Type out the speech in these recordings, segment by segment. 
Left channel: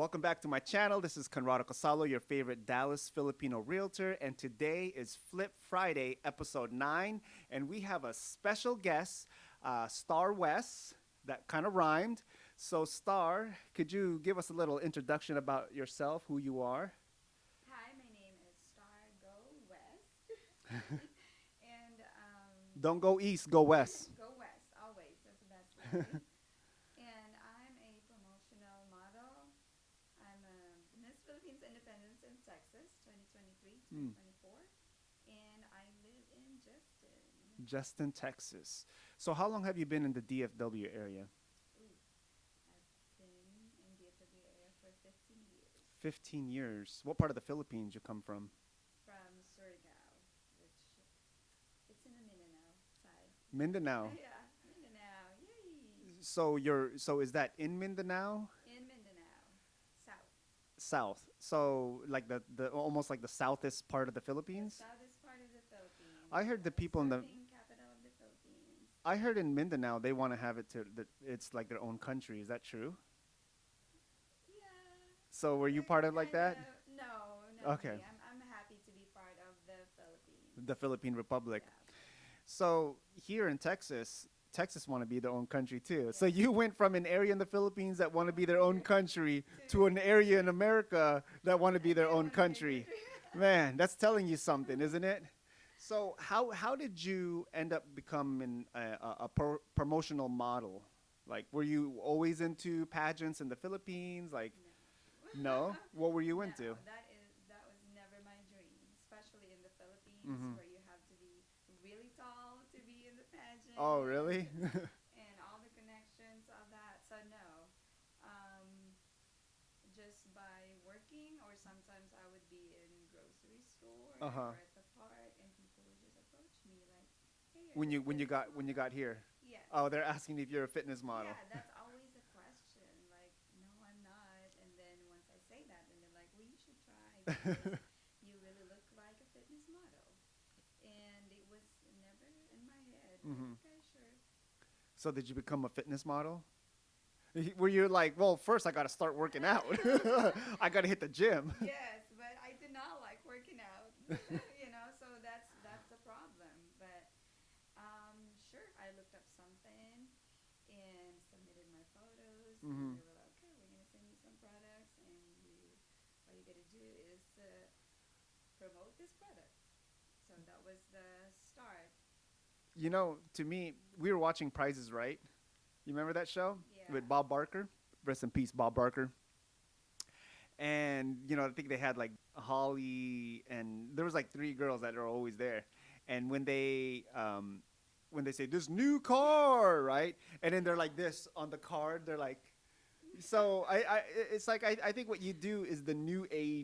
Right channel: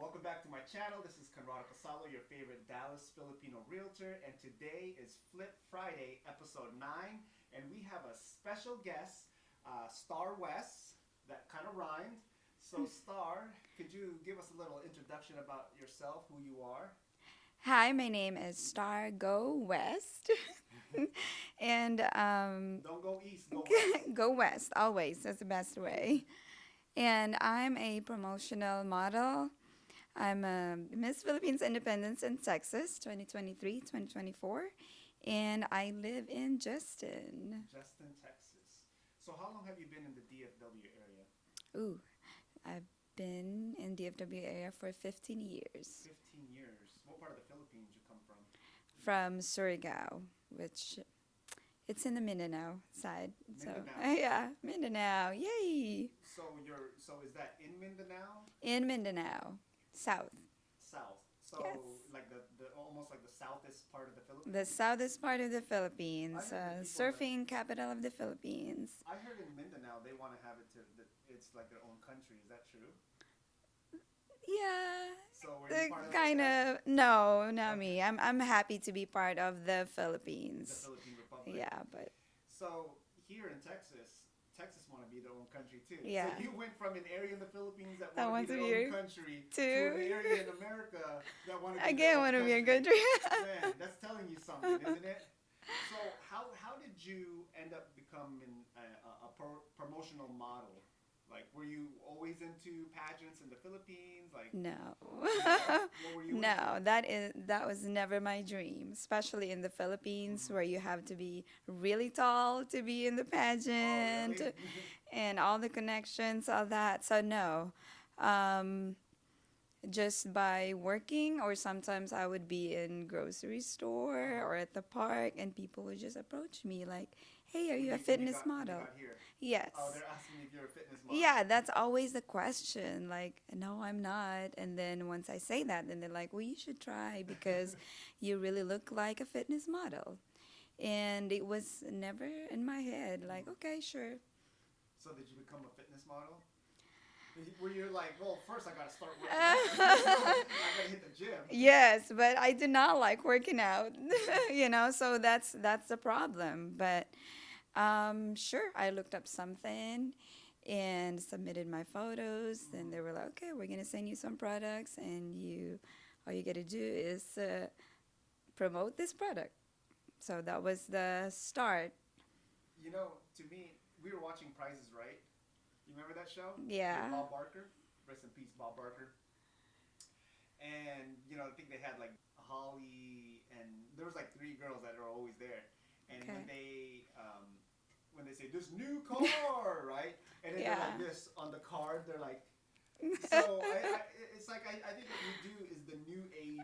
Welcome back to my channel. This is Conrado Casalo, your favorite Dallas Filipino realtor, and today is Flip Friday, episode 9, and we have a special guest, Star West. That kind of rhymed. So, Star, could you give us a little introduction about yourself, who you are? Hi, my name is Star Go West. and Don't go east, go west. Go West, always. That's the best way. And I'm a promotional model. I'm a Miss Philippines Independence in Texas 2023 2024. And I live in Justin. Justin, Texas. So, how long have you been in the DFW area? Ooh, I've been in DFW area for 15 years. 15 years. What part of the Philippines you come from? From Surigao, which it's in the Mindanao side. Mindanao. So, yeah, Mindanao. Yay! So is that in Mindanao? In Mindanao, south. South. So like the almost like the southest part of the Philippines? The southest part of the Philippines. I heard the people in the- surfing capital of the Philippines. I heard in Mindanao they want to have it to that it's like their own country. Is that true? Yeah. So were you the part of like kind that? of no, not Okay. me. I'm happy to be part of the Philippines. The Philippine Republic. Yeah, but So here in Texas, Texas want to be their own country too. So Yeah. you went from an area in the Philippines that want to be want their to own be- country to to- an area in America that want to be their again, own want to be a country. country. Man, that's telling you something, isn't it? So how did you end up becoming a promotional model? Like, were you always into pageants in the Philippines? Like, No. no? What were you No, into? that was never my dream, especially in the Philippines Mhm. where you have to be really tall to be in the pageant. Oh, really? And all the connections, all that. So no. Just by working, or sometimes I would be in grocery store or at the park and people would just approach me like, "Hey, are you a fitness model?" when you got here? Yes. Oh, they're asking me if you're a fitness model. Yeah, that's always the question. Like, no, I'm not. And then once I say that, then they're like, well, you should try because you really look like a fitness model. And it was never in my head. Like, Mhm. okay, sure. So did you become a fitness model? Were you like, well, first I got to start working out. I got to hit the gym. Yes, but I do not like working out, so that's the problem. But sure, I looked up something and submitted my photos, and they were like, okay, we're gonna send you some products, and all you gotta do is promote this product. So that was the start. You know, to me, we were watching Price is Right. You remember that show? Yeah. With Bob Barker. Rest in peace, Bob Barker. And, I think they had like Holly, and there was like 3 girls that are always there. And when they say this new car, right? And then they're like Yeah. this on the card, they're like, so it's like I think what you do is the new age,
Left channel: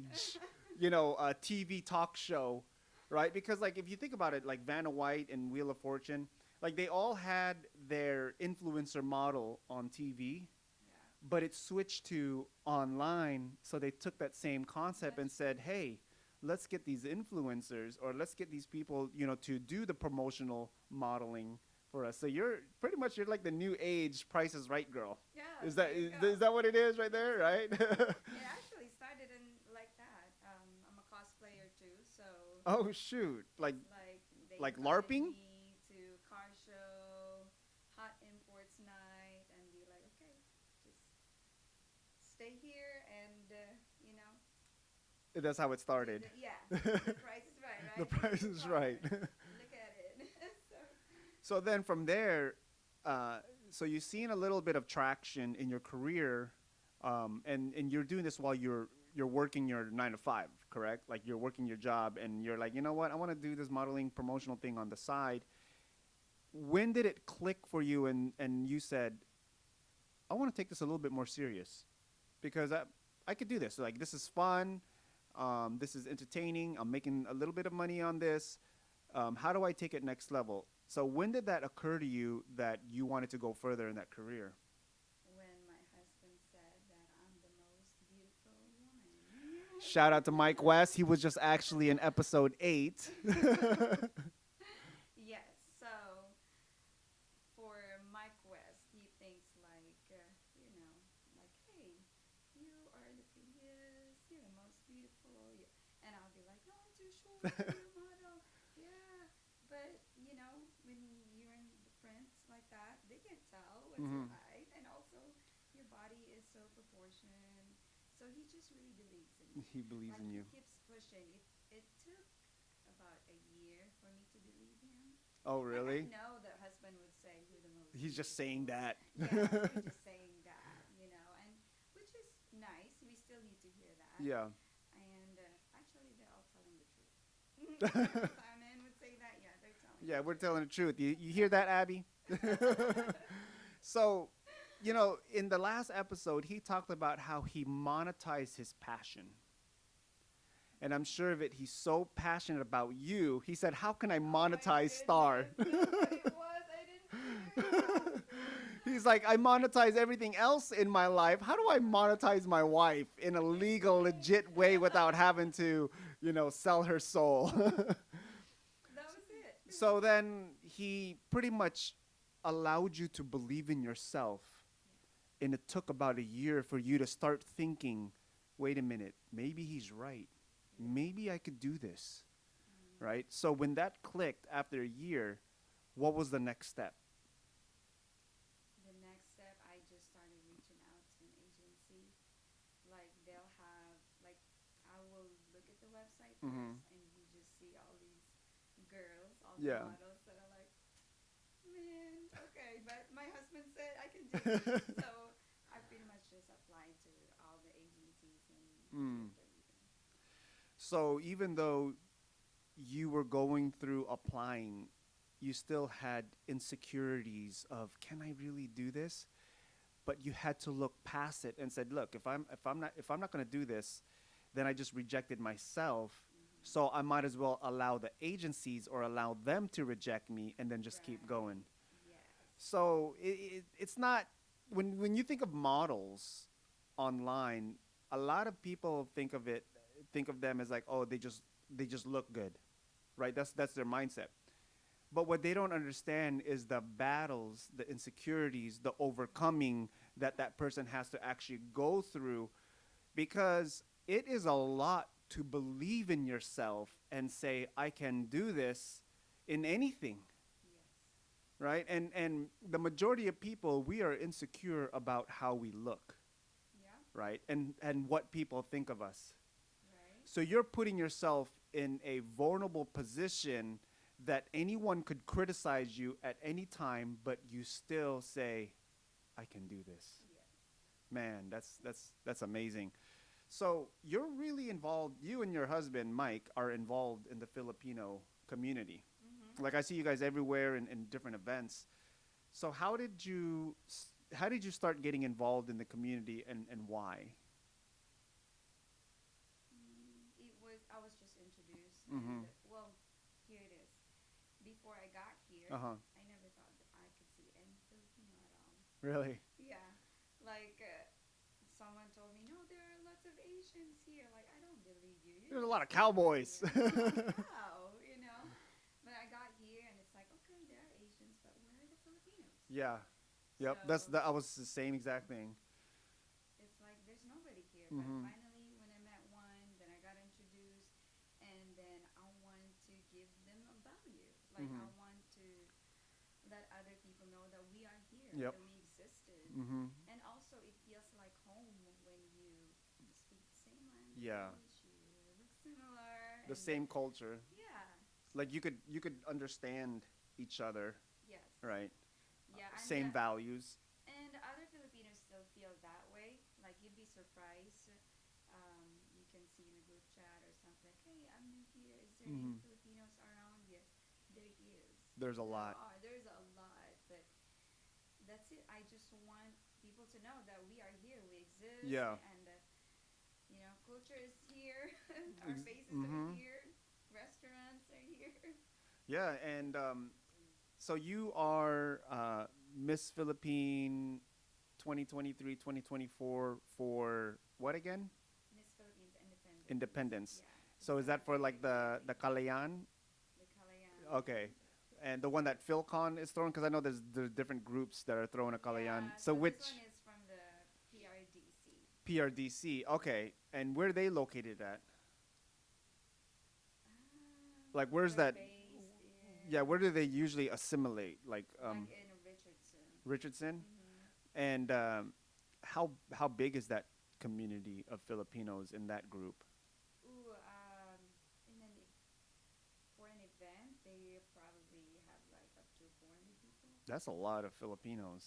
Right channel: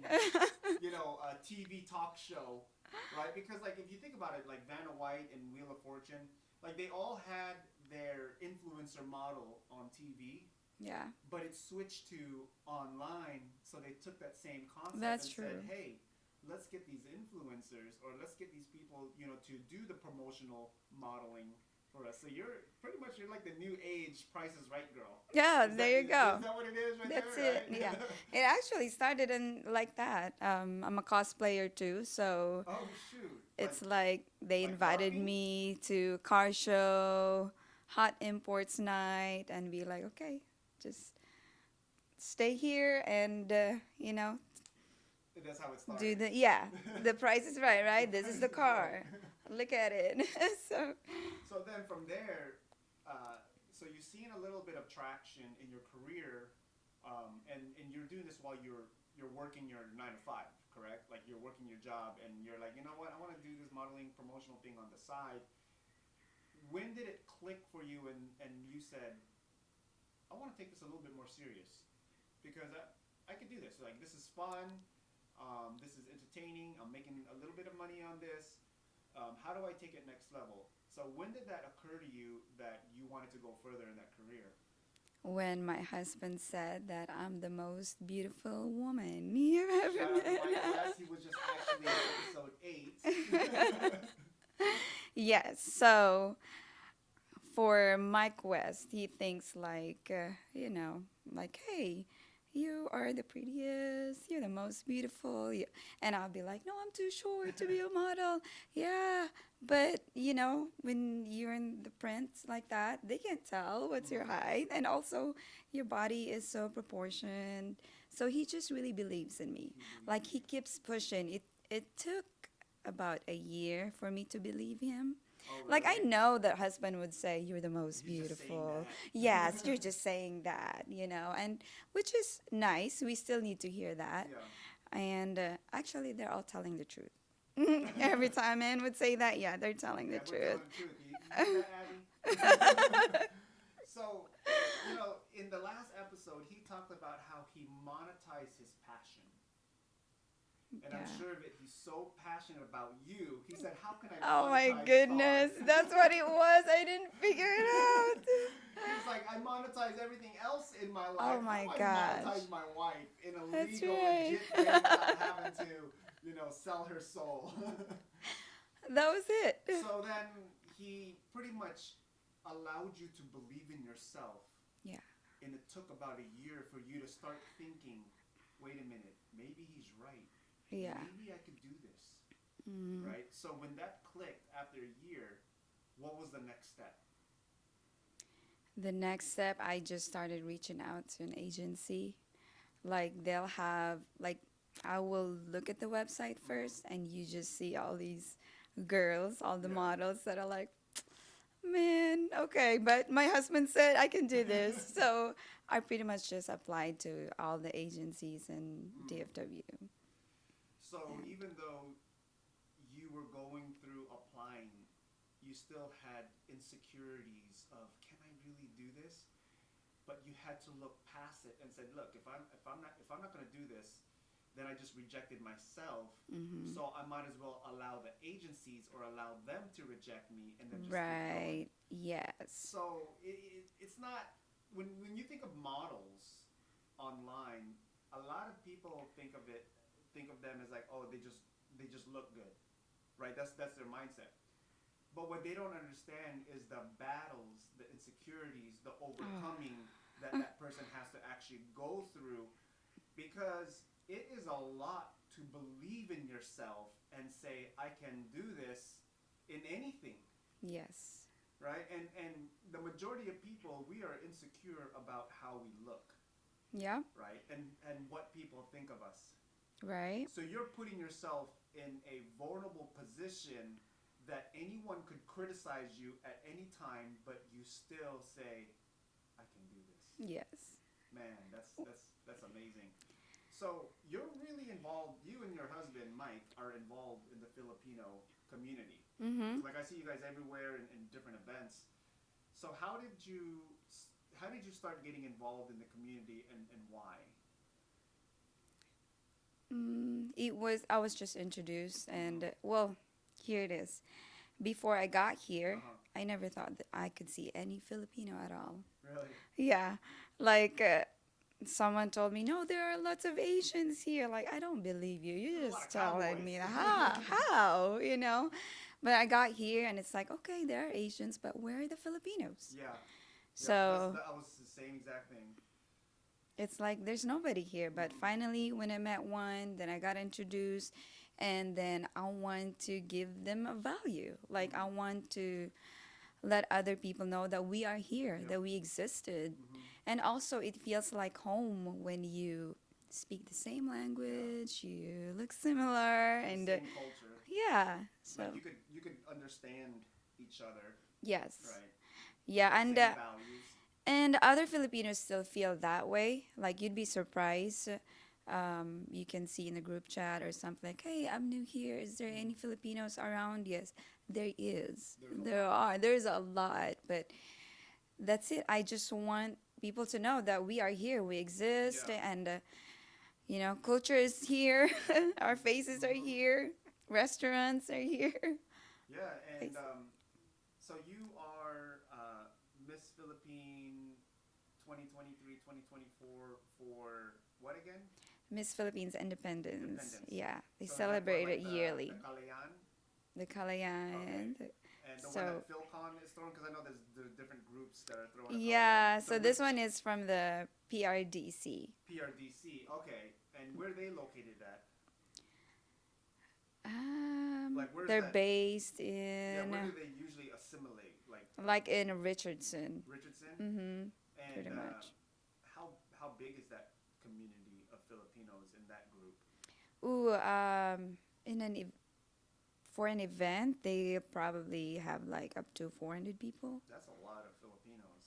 TV talk show, right? Because like if you think about it, like Vanna White and Wheel of Fortune, like they all had their influencer model on TV, Yeah. but it switched to online. So they took that same concept That's and said, true. hey, let's get these influencers or let's get these people, to do the promotional modeling for us. So you're like the new age Price is Right girl. Yeah, Is there you go. Is that what it is right That's there, right? it, yeah. It actually started in like that. I'm a cosplayer too, so Oh, shoot. it's like they like invited LARPing? me to car show, hot imports night, and be like, okay, just stay here and That's how it started. the price is right, right? The This is Price the is car. Right. Look at it. So then from there, so you've seen a little bit of traction in your career, and you're doing this while you're working your 9 to 5, correct? Like you're working your job, and you're like, you know what? I want to do this modeling promotional thing on the side. When did it click for you, and you said, I want to take this a little bit more serious, because I could do this. Like this is fun, this is entertaining. I'm making a little bit of money on this. How do I take it next level? So when did that occur to you that you wanted to go further in that career? When my husband said that I'm the most beautiful woman you ever Shout out to met. Mike West. He was just actually in episode 8. Yes. So for Mike West, he thinks like, like, hey, you are the prettiest, you're the most beautiful. And I'll be like, no, I'm too short to be a model. Yeah, but when you're in the prints like that, they can't tell what's your height. And also, your body is so proportioned. So he just really believes in me. He believes Like in he you. keeps pushing. It took about a year for me to believe him. Oh, Like I really? know that husband would say you're the most He's beautiful. just saying that. Yes, you're just saying that, and which is nice. We still need to hear that. Yeah. And actually, they're all telling the truth. Every time man would say that, yeah, they're telling Yeah, the we're truth. telling the truth. You hear that, Abby? So, in the last episode, he talked about how he monetized his passion. And I'm Yeah. sure of it, he's so passionate about you. He said, how can I Oh my monetize Star? goodness, that's what it was. I didn't figure it out. He's like, I monetize everything else in my life. How do my I gosh. monetize my wife in a That's legal, right. legit way without having to, sell her soul? That was it. So then he pretty much allowed you to believe in yourself. Yeah. And it took about a year for you to start thinking, wait a minute, maybe he's right. Yeah. Maybe I could do this. Mm. Right? So when that clicked after a year, what was the next step? The next step, I just started reaching out to an agency. Like they'll have like I will look at the website first, and you just see all these girls, all the Yeah. models that are like, man, okay, but my husband said I can do this, so I pretty much just applied to all the agencies in DFW. So even though you were going through applying, you still had insecurities of, can I really do this? But you had to look past it and said, look, if I'm not going to do this, then I just rejected myself. So I might as well allow the agencies or allow them to reject me and then just keep going. Right. Yes. So it's not when you think of models online, a lot of people think of them as like, oh, they just look good, right? That's their mindset. But what they don't understand is the battles, the insecurities, the overcoming that person has to actually go through, because it is a lot to believe in yourself and say, I can do this in anything. Yes. Right? And the majority of people, we are insecure about how we look, Yeah. right? And what people think of us. Right. So you're putting yourself in a vulnerable position that anyone could criticize you at any time, but you still say, I can do this. Yes. Man, that's amazing. So you're really involved, you and your husband, Mike, are involved in the Filipino community. Mm-hmm. Like I see you guys everywhere in different events. So how did you start getting involved in the community, and why? I was just introduced, and well, here it is. Before I got here, I never thought that I could see any Filipino at all. Really? Yeah, like someone told me, no, there are lots of Asians here. Like, I don't believe you. You're There's a lot just of telling cowboys. me, how, But I got here, and it's like, okay, there are Asians, but where are the Filipinos? Yeah. So I was the same exact thing. it's like there's nobody here. But finally, when I met one, then I got introduced, and then I want to give them a value. Like I want to let other people know that we are here, Yep. that we existed. And also it feels like home when you speak the same language, you look similar, The and same culture. yeah. So, Like you could understand each other, yes. right? Yeah, and Same values. and other Filipinos still feel that way. Like you'd be surprised. You can see in the group chat or something like, "Hey, I'm new here. Is there any Filipinos around?" Yes, there is. There's a there lot. are. There's a lot, but that's it. I just want people to know that we are here. We exist, Yeah. and culture is here. Our faces are here. Restaurants are here. Yeah, and so you are Miss Philippine 2023-2024 for what again? Miss Philippines Independence. Independence. Yeah, they So is that celebrate for like it yearly. the Kalayan? The Kalayan. Okay. And the one that So- Philcon is throwing, because I know there's different groups that are throwing a Kalayan. Yeah, so this which- one is from the PRDC. PRDC. Okay, and where are they located at? Like, where's They're that? based in Yeah, where do they usually assimilate? like in Richardson. Richardson. Mm-hmm. And pretty much. how big is that community of Filipinos in that group? Ooh, in for an event, they probably have like up to 400 people. That's a lot of Filipinos.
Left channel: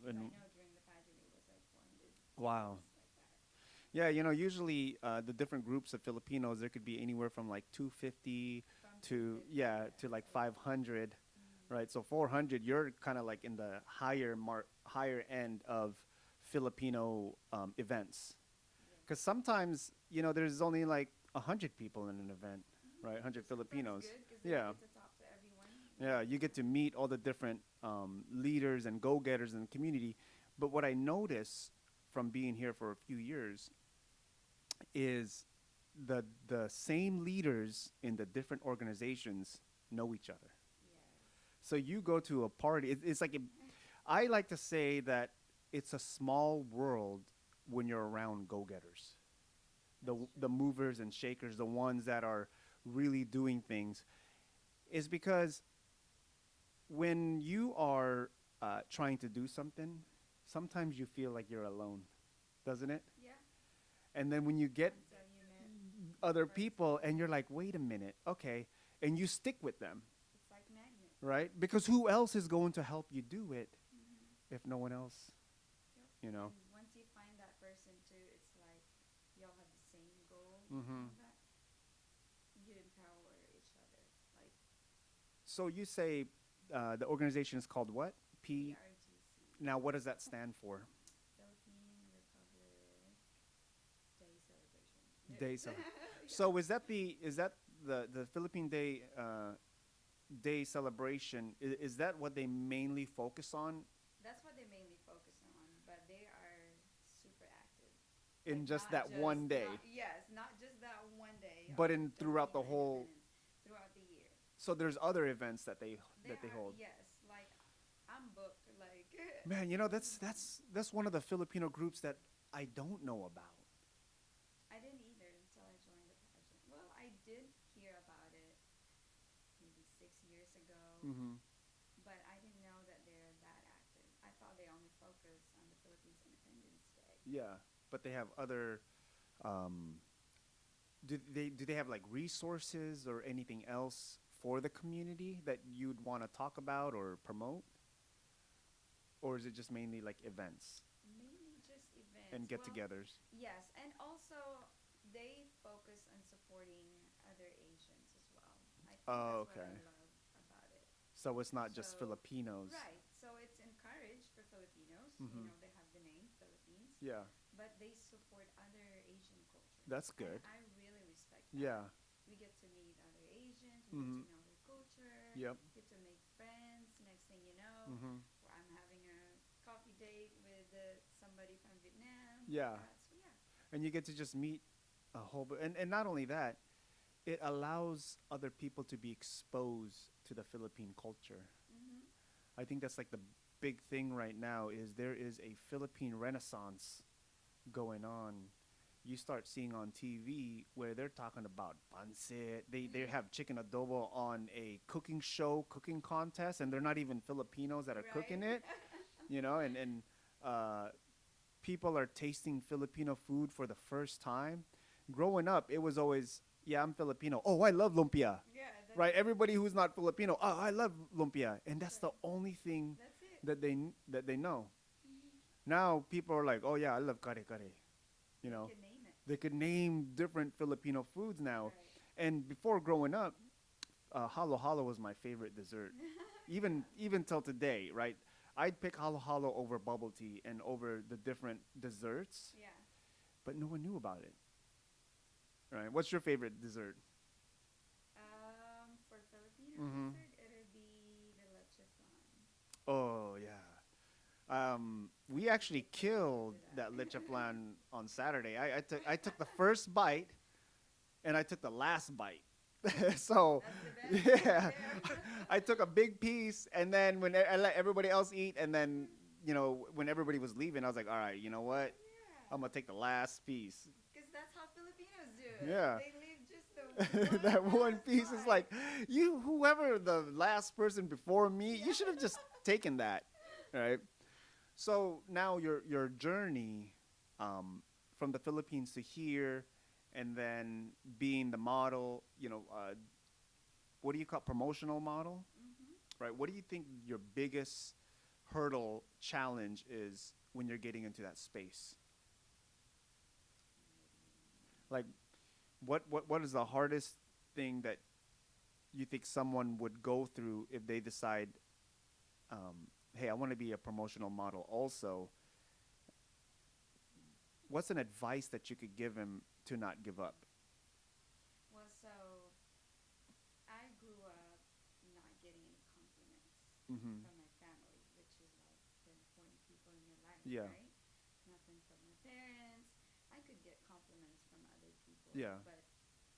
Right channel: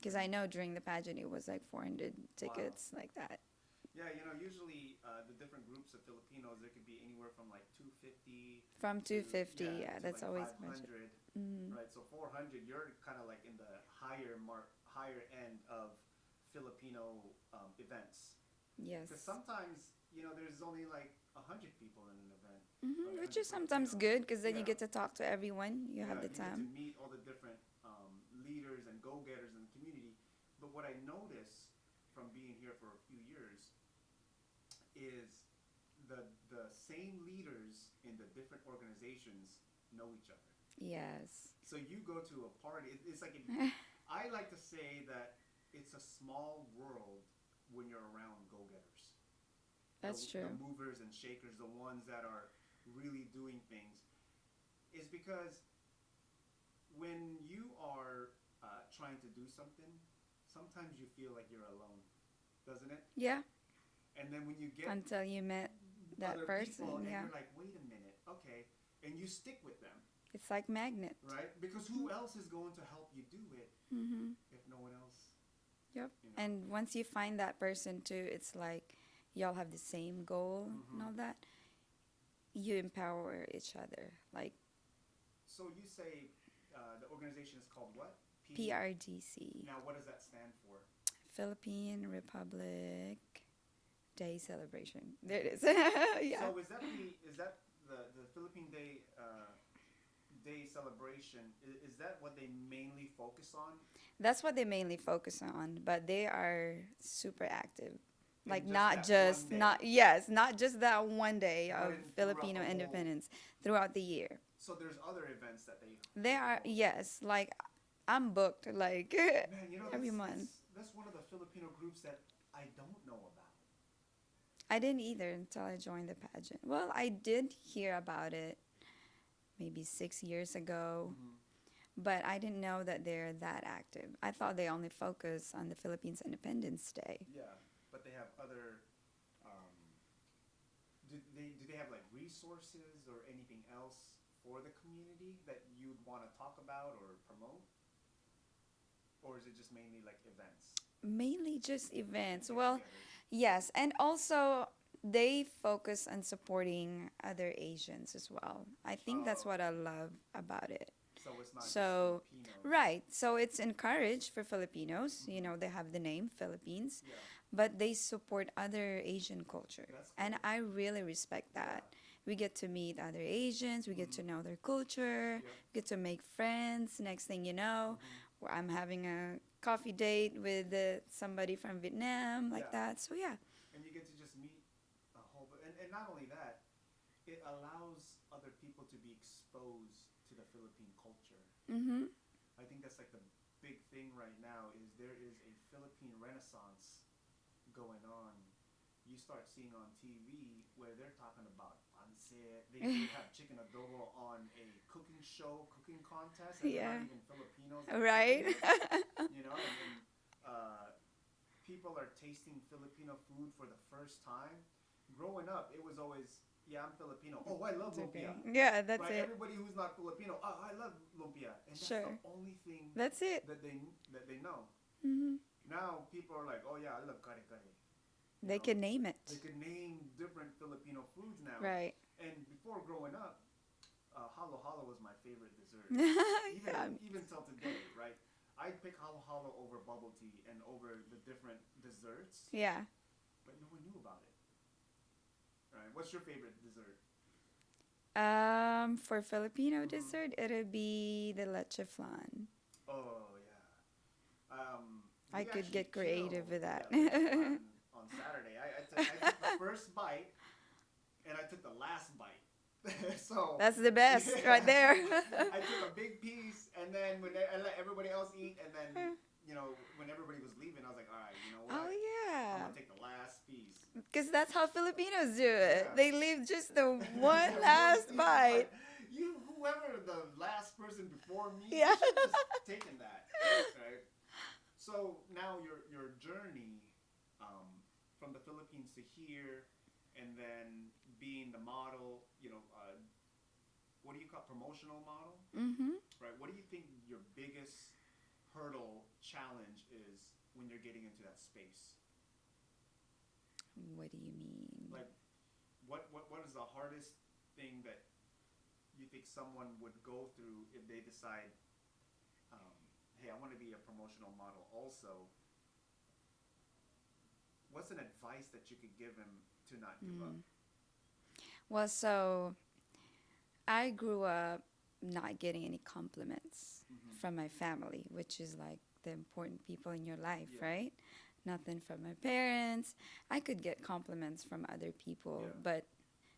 Because I know during the pageant it was like 400 Wow. tickets like that. Yeah, usually the different groups of Filipinos, there could be anywhere from like 250 From to 250, yeah, yeah, to that's like always 500, Mm-hmm. right? So 400, you're kind of like in the higher end of Filipino events. Yes. Because sometimes there's only like 100 people in an event, right? Which 100 is sometimes Filipinos. good because then Yeah. you get to talk to everyone. Yeah, have the you get to time. meet all the different leaders and go-getters in the community. But what I notice from being here for a few years is the same leaders in the different organizations know each other. Yes. So you go to a party. It's like I like to say that it's a small world when you're around go-getters. That's The true. movers and shakers, the ones that are really doing things, is because when you are trying to do something, sometimes you feel like you're alone, doesn't it? Yeah. And then when you get Until you met that other person, people and yeah. you're like, wait a minute, okay, and you stick with them, It's like magnet. right? Because who else is going to help you do it Mm-hmm. if no one else? Yep. You know? And once you find that person too, it's like y'all have the same goal and Mhm. all that. You empower each other. Like So you say the organization is called what? PRDC. Now, what does that stand for? Philippine Republic Day Celebration. There Day it is. celebration. Yeah. So is that the Philippine Day Day celebration? Is that what they mainly focus on? That's what they mainly focus on, but they are super active. In Like just not that just one day? not just that one day But of in throughout Filipino the whole- independence throughout the year. So there's other events that they There are hold. yes, like I'm booked like Man, every month. that's one of the Filipino groups that I don't know about. I didn't either until I joined the pageant. Well, I did hear about it maybe 6 years ago, but I didn't know that they're that active. I thought they only focus on the Philippines Independence Day. Yeah, but they have other. Do they have like resources or anything else for the community that you'd want to talk about or promote, or is it just mainly like events Mainly just and events. Well, get-togethers? yes, and also they focus on supporting other Asians as well. I think Oh, that's what I okay. love about it. So it's not just So, Filipinos, Right. So it's encouraged for Filipinos. You Mhm. know, they have the name Philippines, Yeah, but they support other Asian culture. That's And good. I really respect that. Yeah. We get to meet other Asians, we get to Mhm. know their culture, Yep. get to make friends. Next thing you know, Mhm. where I'm having a coffee date with somebody from Vietnam, like Yeah. that. So yeah. And you get to just meet a whole, and not only that, it allows other people to be exposed to the Philippine culture. Mm-hmm. I think that's like the big thing right now is there is a Philippine renaissance going on. You start seeing on TV where they're talking about pancit. They have chicken adobo on a cooking show, cooking contest, and they're not Yeah. even Filipinos that are Right. cooking it. And people are tasting Filipino food for the first time. Growing up, it was always, yeah, I'm Filipino. Oh, I love lumpia. Yeah, that's Right? it. Everybody who's not Filipino, oh, I love lumpia. And that's the Sure. only thing That's it. that they know. Mm-hmm. Now people are like, oh yeah, I love kare kare. You They know? can name it. They could name different Filipino foods now. Right. And before growing up, halo halo was my favorite dessert. Even Yeah. even till today, right? I'd pick halo halo over bubble tea and over the different desserts, Yeah. but no one knew about it. Right? What's your favorite dessert? For Filipino Mhm. dessert, it'll be the leche flan. Oh yeah. I We could actually get creative killed with that. leche flan on Saturday. I took the first bite, and I took the last bite. So That's the best yeah. right there. I took a big piece, and then when I let everybody else eat, and then when everybody was leaving, I was like, all right, you know what? Oh I'm gonna take the last piece. Because that's how Filipinos do it. Yeah. They leave just the one That last piece is bite. like, you, whoever the last person before me, Yeah. you should have just taken that, right? So now your journey from the Philippines to here, and then being the model, what do you call promotional model, Mm-hmm. right? What do you think your biggest hurdle challenge is when you're getting into that space? What do you mean? Like, what is the hardest thing that you think someone would go through if they decide, hey, I want to be a promotional model also? What's an advice that you could give him to not give up? Well, so I grew up not getting any compliments Mhm. from my family, which is like the important people in your life, Yeah. right? Nothing from my parents. I could get compliments from other people, Yeah. but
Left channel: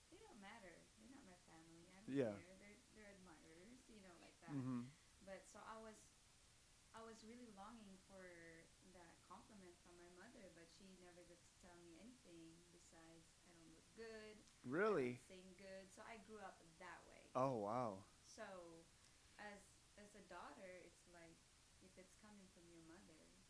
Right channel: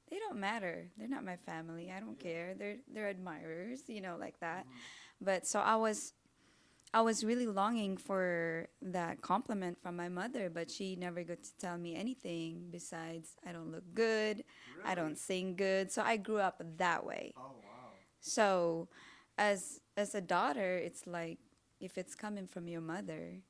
they don't matter. They're not my family. I don't Yeah. care. They're admirers, like that. Mhm. But so I was really longing for that compliment from my mother, but she never got to tell me anything besides I don't look good, Really? I don't sing good. So I grew up that way. Oh wow. So as a daughter, it's like if it's coming from your mother,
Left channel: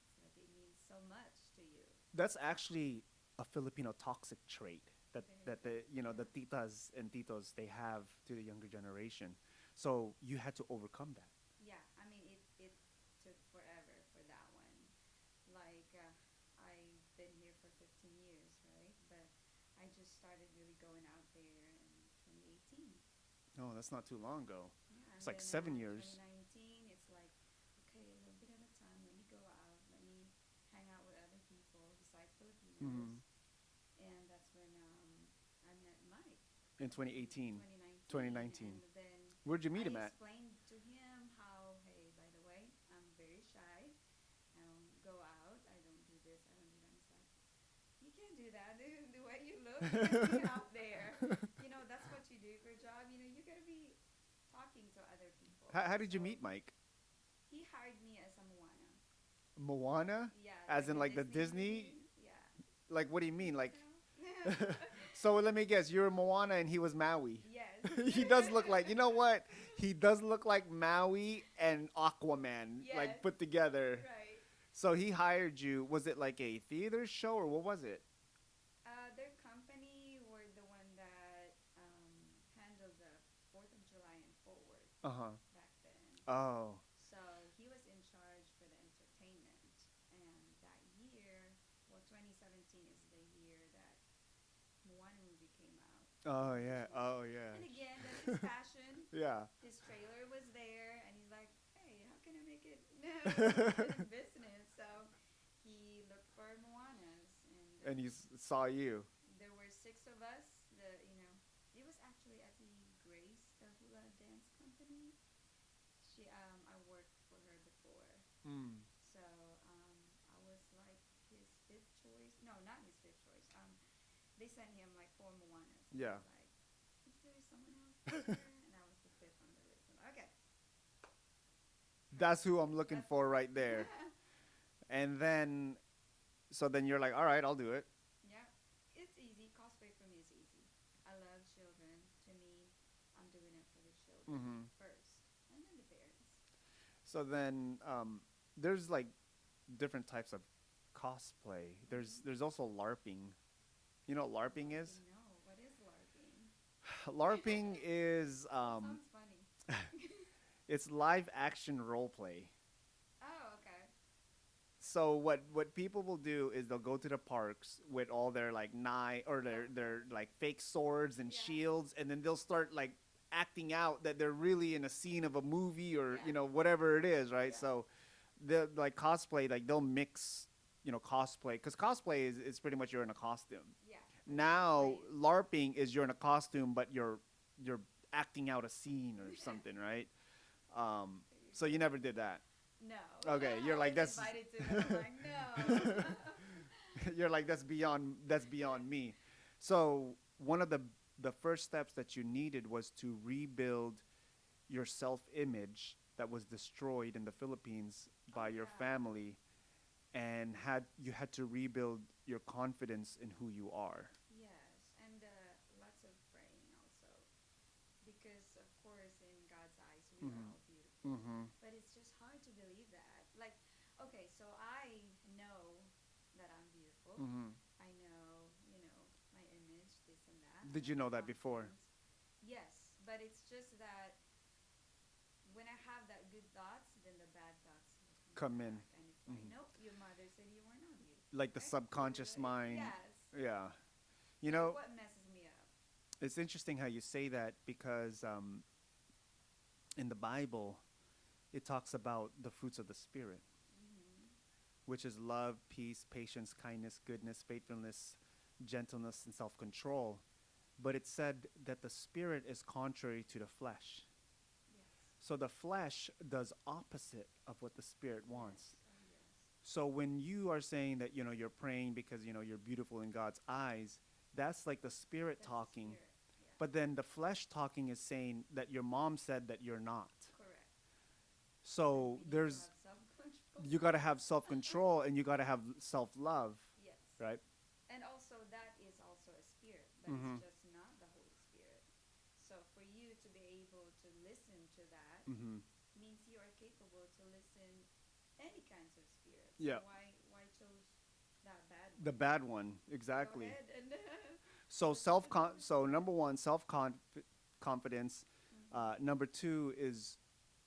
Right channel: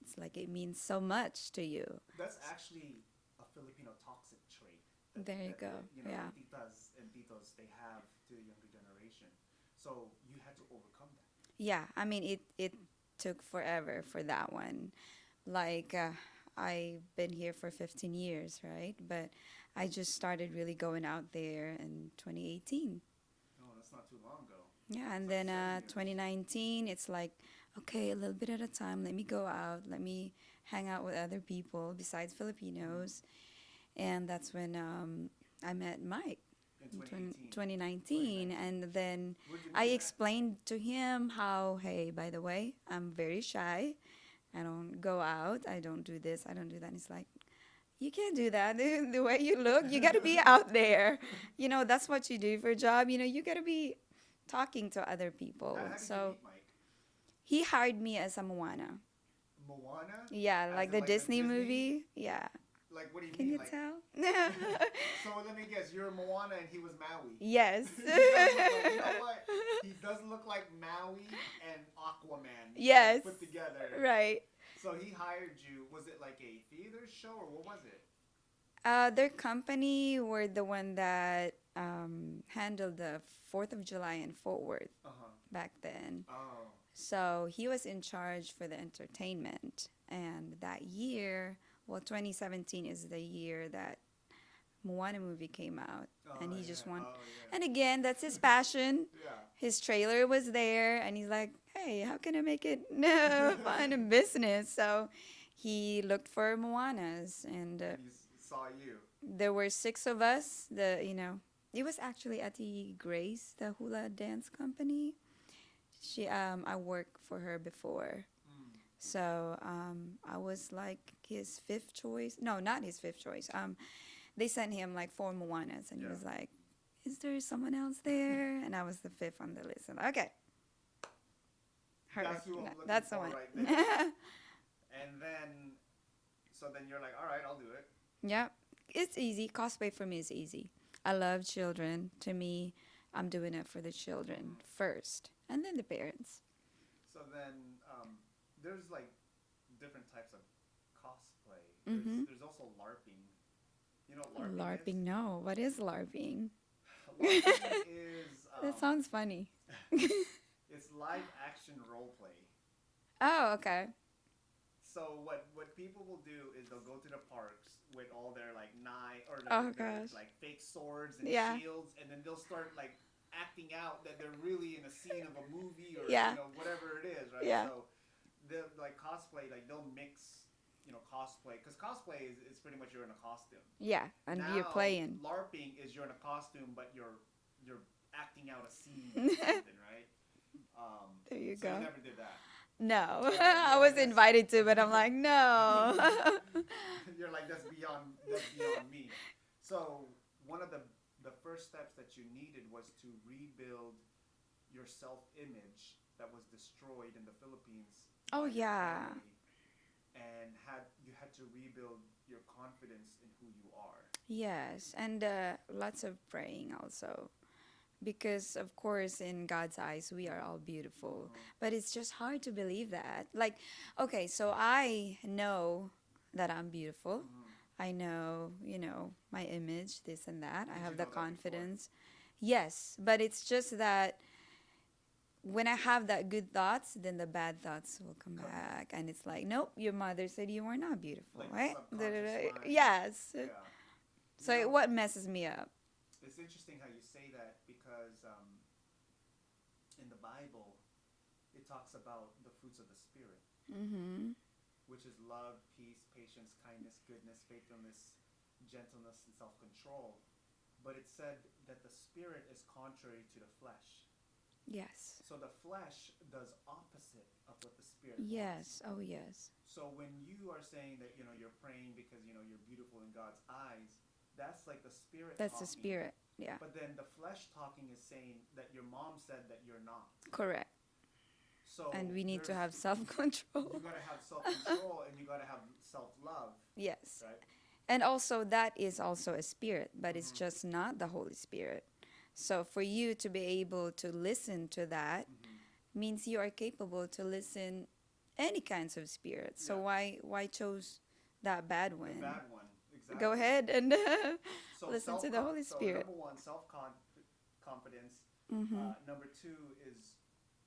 it's like it means so much to you. That's actually a Filipino toxic trait. There you go. Yeah. The titas and titos they have to the younger generation. So you had to overcome that. Yeah, I mean it took forever for that one. Like I've been here for 15 years, right? But I just started really going out there in 2018. No, that's not too long ago. Yeah, and It's like then 7 years. 2019, it's like, okay, a little bit at a time. Let me go out. Let me hang out with other people besides Filipinos. And that's when I met Mike In 2018. 2019. And then Where'd you meet I him at? explained to him how, hey, by the way, I'm very shy. I don't go out. I don't do this. I don't do that. And he's like, you can't do that. The way you look, you got to be out there. That's what you do for a job. You got to be talking to other people. How did you So meet Mike? he hired me as a Moana. Moana? Yeah, As like in, the like, the Disney Disney? movie. Yeah. Like, what do you Can mean? you Like, tell? so let me guess. You're Moana and he was Maui. Yes. He does look like, you know what? He does look like Maui and Aquaman. like, Yes. put together. Right. So he hired you. Was it like a theater show or what was it? Their company were the one that handled the 4th of July in Fort Worth Uh huh. back then. Oh. So he was in charge for the entertainment. And that year, 2017 is the year that Moana movie came out. Oh, and he yeah. just wanted. Oh, yeah. And again, that's his passion. Yeah. His trailer was there, and he's like, "Hey, how can I make it fun and business?" So he looked for Moanas, and And he saw you. there were 6 of us. It was actually Ati Grace, the hula dance company. I worked for her before, so I was like his 5th choice. No, not his 5th choice. They sent him like 4 Moanas, and he Yeah. was like, "Is there someone else there?" And I was the 5th on the list. I'm like, okay. That's who I'm looking That's the for one. right there. And then, so then you're like, all right, I'll do it. Yeah, it's easy. Cosplay for me is easy. I love children. To me, I'm doing it for the children first, and then the parents. So then, there's like different types of cosplay. There's also LARPing. You know what LARPing, LARPing, no. What is LARPing? is? LARPing is That sounds funny. it's live action role play. Oh, okay. So what people will do is they'll go to the parks with all their like their gosh. like fake swords and Yeah. shields, and then they'll start like acting out that they're really in a scene of a movie or Yeah. whatever it is, right? Yeah. So the like cosplay, like they'll mix cosplay, because cosplay is pretty much you're in a costume. Yeah, and Now you're playing. LARPing is you're in a costume, but you're acting out a scene or something, right? There you So go. you never did that. No, Okay, I you're was like, that's- invited to, but I'm like, no. You're like, that's beyond me. So one of the first steps that you needed was to rebuild your self-image that was destroyed in the Philippines by Oh, your yeah. family. and you had to rebuild your confidence in who you are. Yes, and lots of praying also. Because, of course, in God's eyes, we are all beautiful. But it's just hard to believe that. Like, okay, so I know that I'm beautiful. I know, my image, this and that. Did I have you the know that before? confidence. Yes, but it's just that when I have that good thoughts, then the bad thoughts will come In. back. And it's like, nope, your mother said you were not beautiful. Like the right? subconscious mind. Yes. Yeah. You So know, what messes me up? it's interesting how you say that because in the Bible, it talks about the fruits of the Spirit, which is love, peace, patience, kindness, goodness, faithfulness, gentleness, and self-control. But it said that the Spirit is contrary to the flesh. Yes. So the flesh does opposite of what the Spirit wants. Yes. Oh, yes. So when you are saying that, you're praying because, you're beautiful in God's eyes, that's like the Spirit That's talking. the Spirit. Yeah. But then the flesh talking is saying that your mom said that you're not. Correct. So And we need to have self-control. you got to have self-control and you got to have self-love, Yes. right? And also that is also a spirit, but it's just not the Holy Spirit. So for you to be able to listen to that means you are capable to listen any kinds of spirits. Yeah. So why chose that bad one? The bad one, exactly. Go ahead and So listen to the Holy so Spirit. number one, confidence. Number two is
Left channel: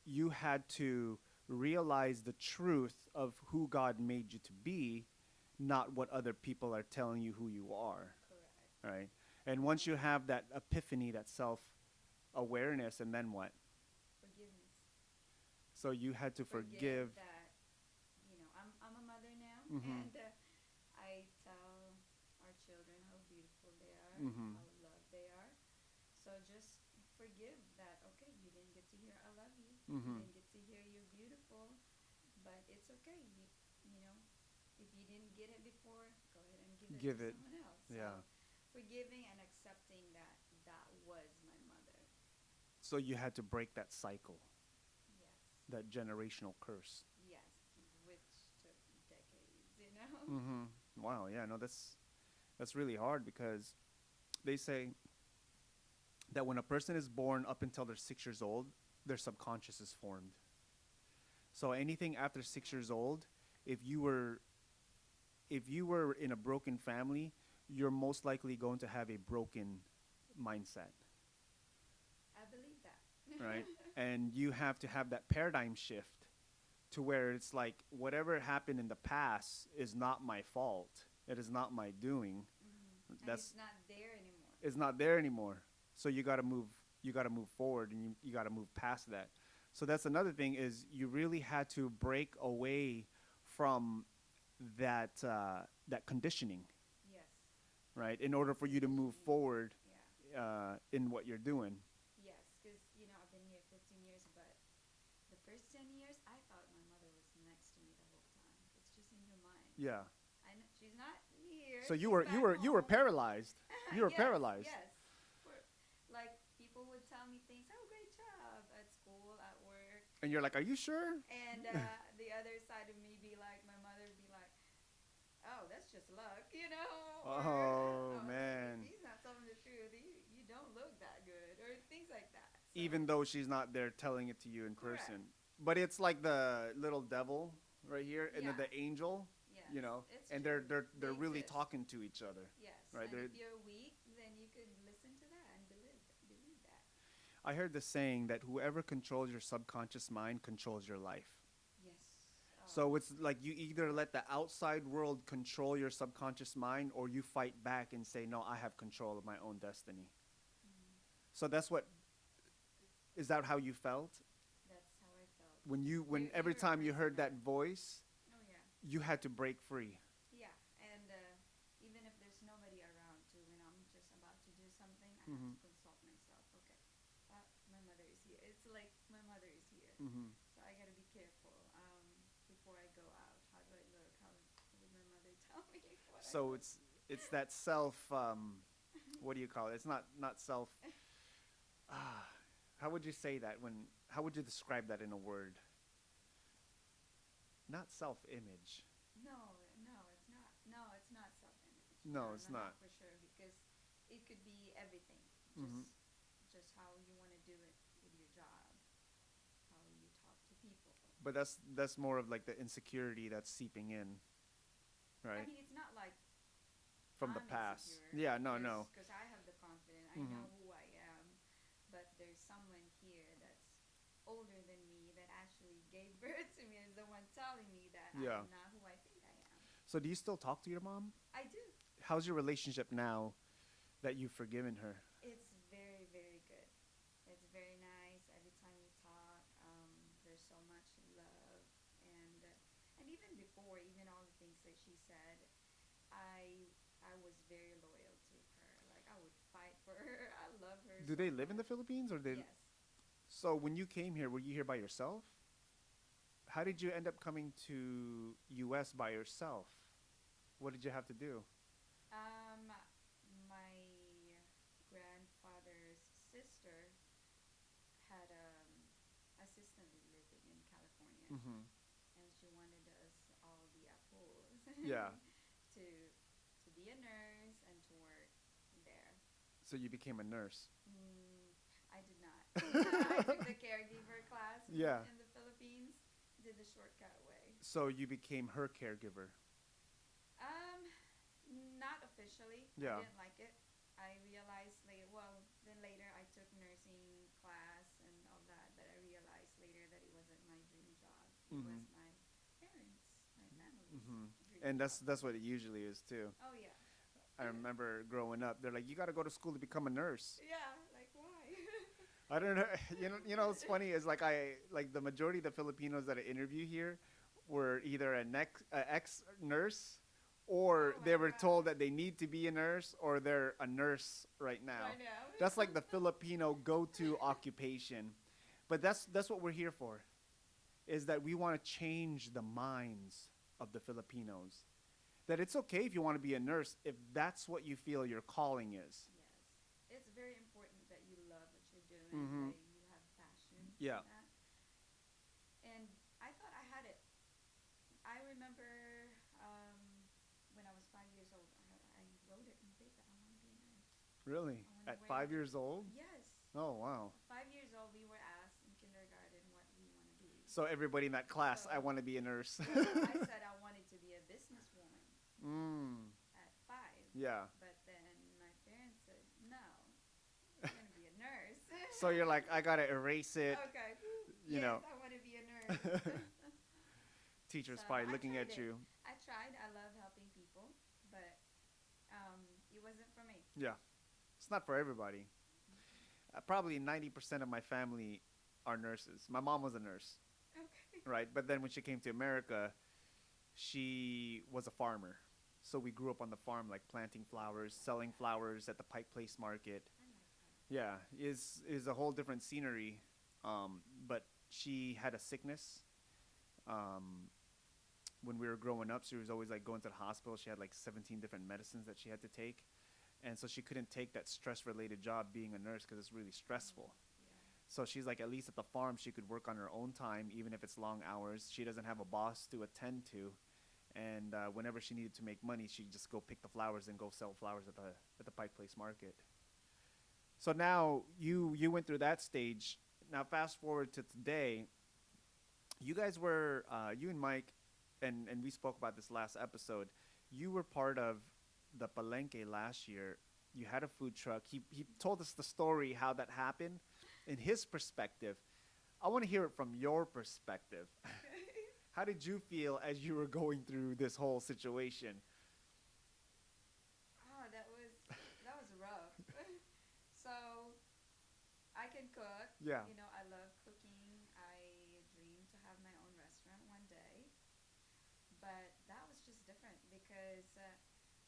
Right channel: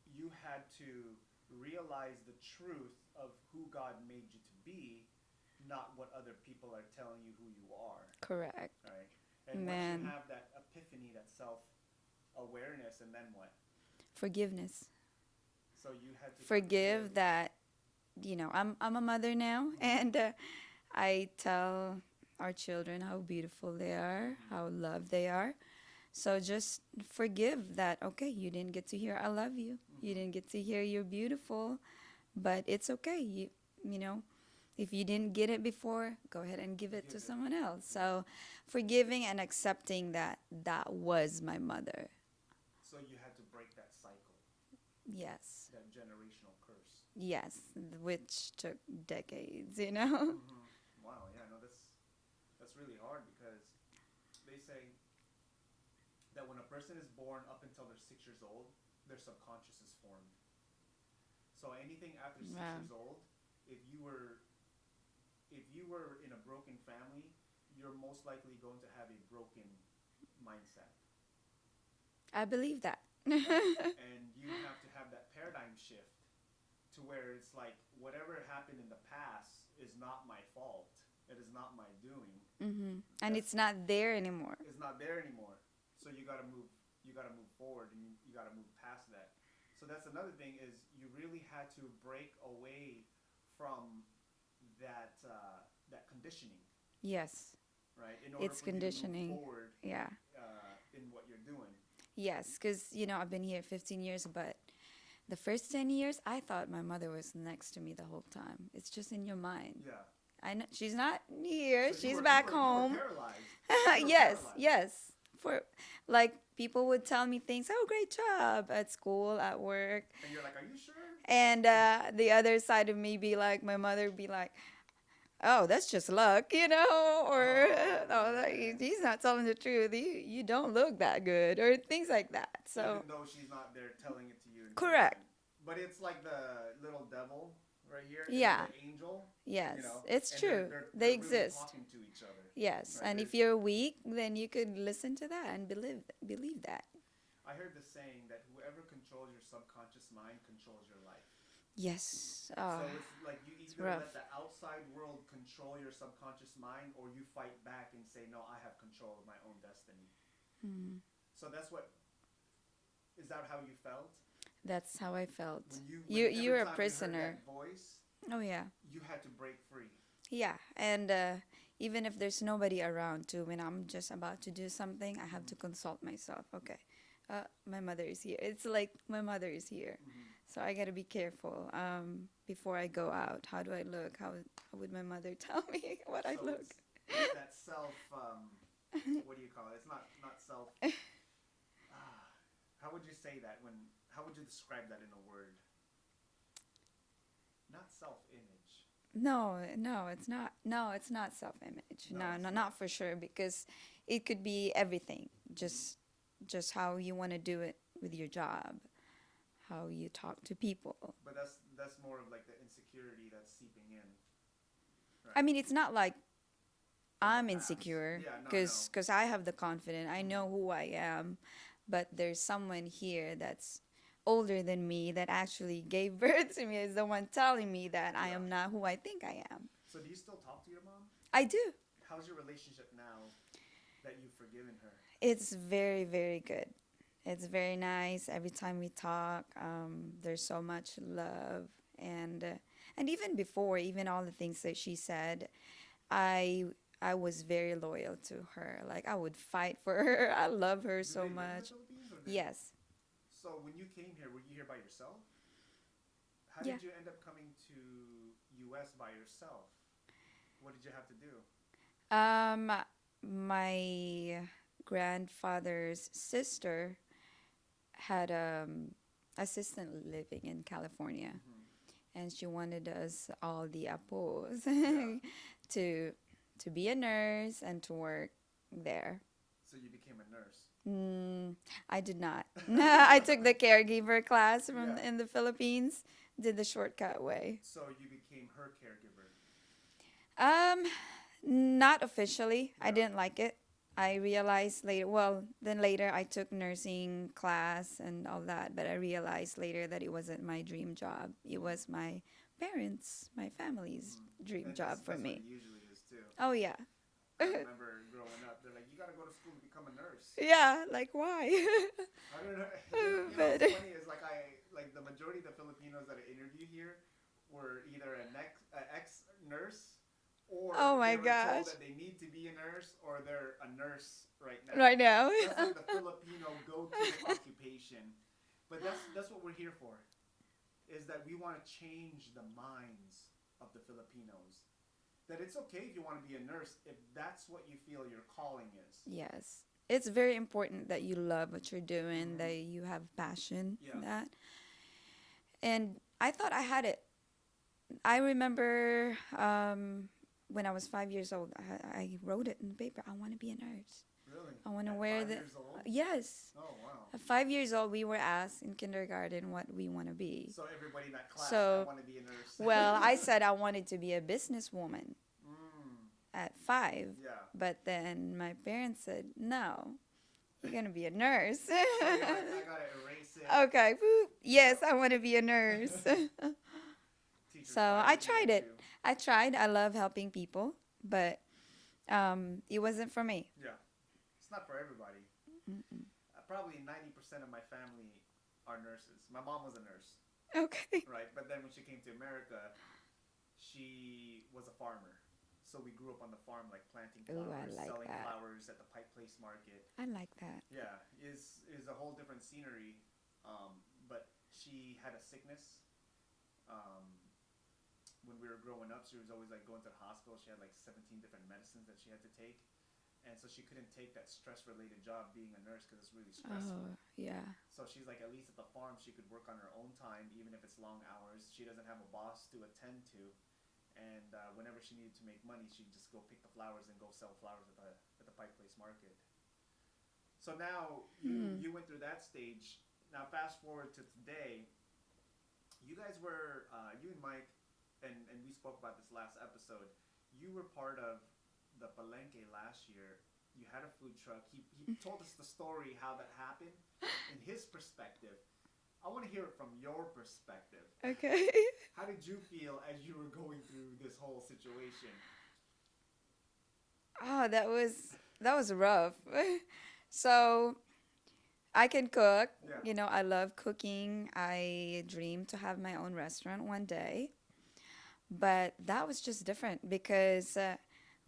you had to realize the truth of who God made you to be, not what other people are telling you who you are. Correct. Right? And once you Amen. have that epiphany, that self-awareness, and then what? Forgiveness. So you had to Forgive that, I'm a mother now, and I tell our children how beautiful they are, how loved they are. So just forgive that, okay, you didn't get to hear I love you. You didn't get to hear you're beautiful, but it's okay. If you didn't get it before, go ahead and give it to someone else. Yeah. So forgiving and accepting that was my mother. So you had to break that cycle, Yes. that generational curse. Yes, which took decades, Wow, yeah, no, that's really hard because they say that when a person is born up until they're 6 years old, their subconscious is formed. So anything after 6 Wow. years old, if you were in a broken family, you're most likely going to have a broken mindset. I believe that. Right? And you have to have that paradigm shift to where it's like whatever happened in the past is not my fault. It is not my doing. And That's- it's not there anymore. It's not there anymore. So you got to move. You got to move forward, and you got to move past that. So that's another thing is you really had to break away from that that conditioning, Yes. right? In order It's for you to move conditioning. forward Yeah. in what you're doing. Yes, because, I've been here 15 years, but the first 10 years, I thought my mother was next to me the whole time. It's just in your mind. Yeah. I know she's not here. So She's back you home. were paralyzed. You were Yes, paralyzed. yes. For like people would tell me things. Oh, great job at school, at work, And you're like, are you sure? and the other side of me be like, my mother would be like, oh, that's just luck, or Oh, like, man. he's not telling the truth. You don't look that good, or things like that. So Even though she's not there telling it to you in Correct. person. But it's like the little devil right here. And Yeah. the angel. yes, You know, it's and true. They're They really exist. talking to each other. Yes, Right, and they're- if you're weak, then you could listen to that and believe that. I heard the saying that whoever controls your subconscious mind controls your life. Yes. So it's like you either rough. let the outside world control your subconscious mind or you fight back and say, no, I have control of my own destiny. So that's what, is that how you felt? That's how I felt. When you're every a time you heard prisoner. that voice, Oh yeah. you had to break free. Yeah, and even if there's nobody around too, when I'm just about to do something, I have to consult myself. Okay, my mother is here. It's like my mother is here, so I gotta be careful before I go out. How do I look? How would my mother tell me what I So look? it's that self, what do you call it? It's not self, how would you say that how would you describe that in a word? Not self-image. No, it's not. No, it's not self-image. No, No, it's no, not. not for sure because it could be everything. Hmm. Just how you want to do it with your job, how you talk to people. But that's more of like the insecurity that's seeping in, I right? mean, it's not like From the I'm past. insecure Yeah, no, no. because I have the confidence. I Hmm. know who I am, but there's someone here that's older than me that actually gave birth to me is the one telling me that I Yeah. am not who I think I am. So do you still talk to your mom? I do. How's your relationship now that you've forgiven her? It's very, very good. It's very nice. Every time we talk, there's so much love, and even before, even all the things that she said, I I was very loyal to her. Like I would fight for her. I love her Do so they live in the much. Philippines or they? Yes. So when you came here, were you here by yourself? How Yeah. did you end up coming to U.S. by yourself? What did you have to do? Um, my grandfather's sister had assistant living in California, Hmm. and she wanted us all the apos Yeah. to to be a nurse and to work there. So you became a nurse. Mm, I did not. I took the caregiver class Yeah. in the Philippines. Did the shortcut way. So you became her caregiver. Um, Not officially. I Yeah. didn't like it. I realized later. Well, then later I took nursing class and all that, but I realized later that it wasn't my dream job. It Mhm. was my parents, my family's dream And job that's for what me. it usually is too. Oh yeah. I remember growing up, they're like, you got to go to school to become a nurse. Yeah, like why? I don't know. You know But- what's funny is like the majority of the Filipinos that I interview here were either a ex nurse or Oh my they were told gosh. that they need to be a nurse or they're a nurse right now. Right now. That's like the Filipino go-to occupation. But that's what we're here for. Is that we want to change the minds of the Filipinos. That it's okay if you want to be a nurse if that's what you feel your calling is. Yes. It's very important that you love what you're doing, Mhm. that you have passion Yeah. in that. And I thought I had it. I remember when I was 5 years old, I wrote it in the paper. I want to be a nurse. Really? I want to At wear 5 years old? Yes. Oh wow. At 5 years old, we were asked in kindergarten what we want to be. So everybody in that class, I So- want to be a nurse. Well, I said I wanted to be a businesswoman Mm, at 5. yeah. But then my parents said, no, you're going to be a nurse. So you're like, I gotta erase it. Okay. Whoop. You Yes, know. I want to be a nurse. Teachers So probably I looking tried at it. you. I tried. I love helping people, but it wasn't for me. Yeah. It's not for everybody. Mm-mm. Probably 90% of my family are nurses. My mom was a nurse, Okay. right? But then when she came to America, she was a farmer. So we grew up on the farm, like planting Ooh, I flowers, like selling that. flowers at the Pike Place Market. I like that. Yeah, is a whole different scenery. But she had a sickness. When we were growing up, she was always like going to the hospital. She had like 17 different medicines that she had to take, and so she couldn't take that stress-related job being a nurse because it's really stressful. Oh, yeah. So she's like, at least at the farm, she could work on her own time, even if it's long hours. She doesn't have a boss to attend to, and whenever she needed to make money, she'd just go pick the flowers and go sell flowers at the Pike Place Market. So now you went through that stage. Now fast forward to today. You guys were you and Mike, and we spoke about this last episode. You were part of the Palenque last year. You had a food truck. He told us the story how that happened in his perspective. I want to hear it from your perspective. Okay. How did you feel as you were going through this whole situation? Oh, that was rough. So I can cook. Yeah. You know, I love cooking. I dream to have my own restaurant one day. But that was just different because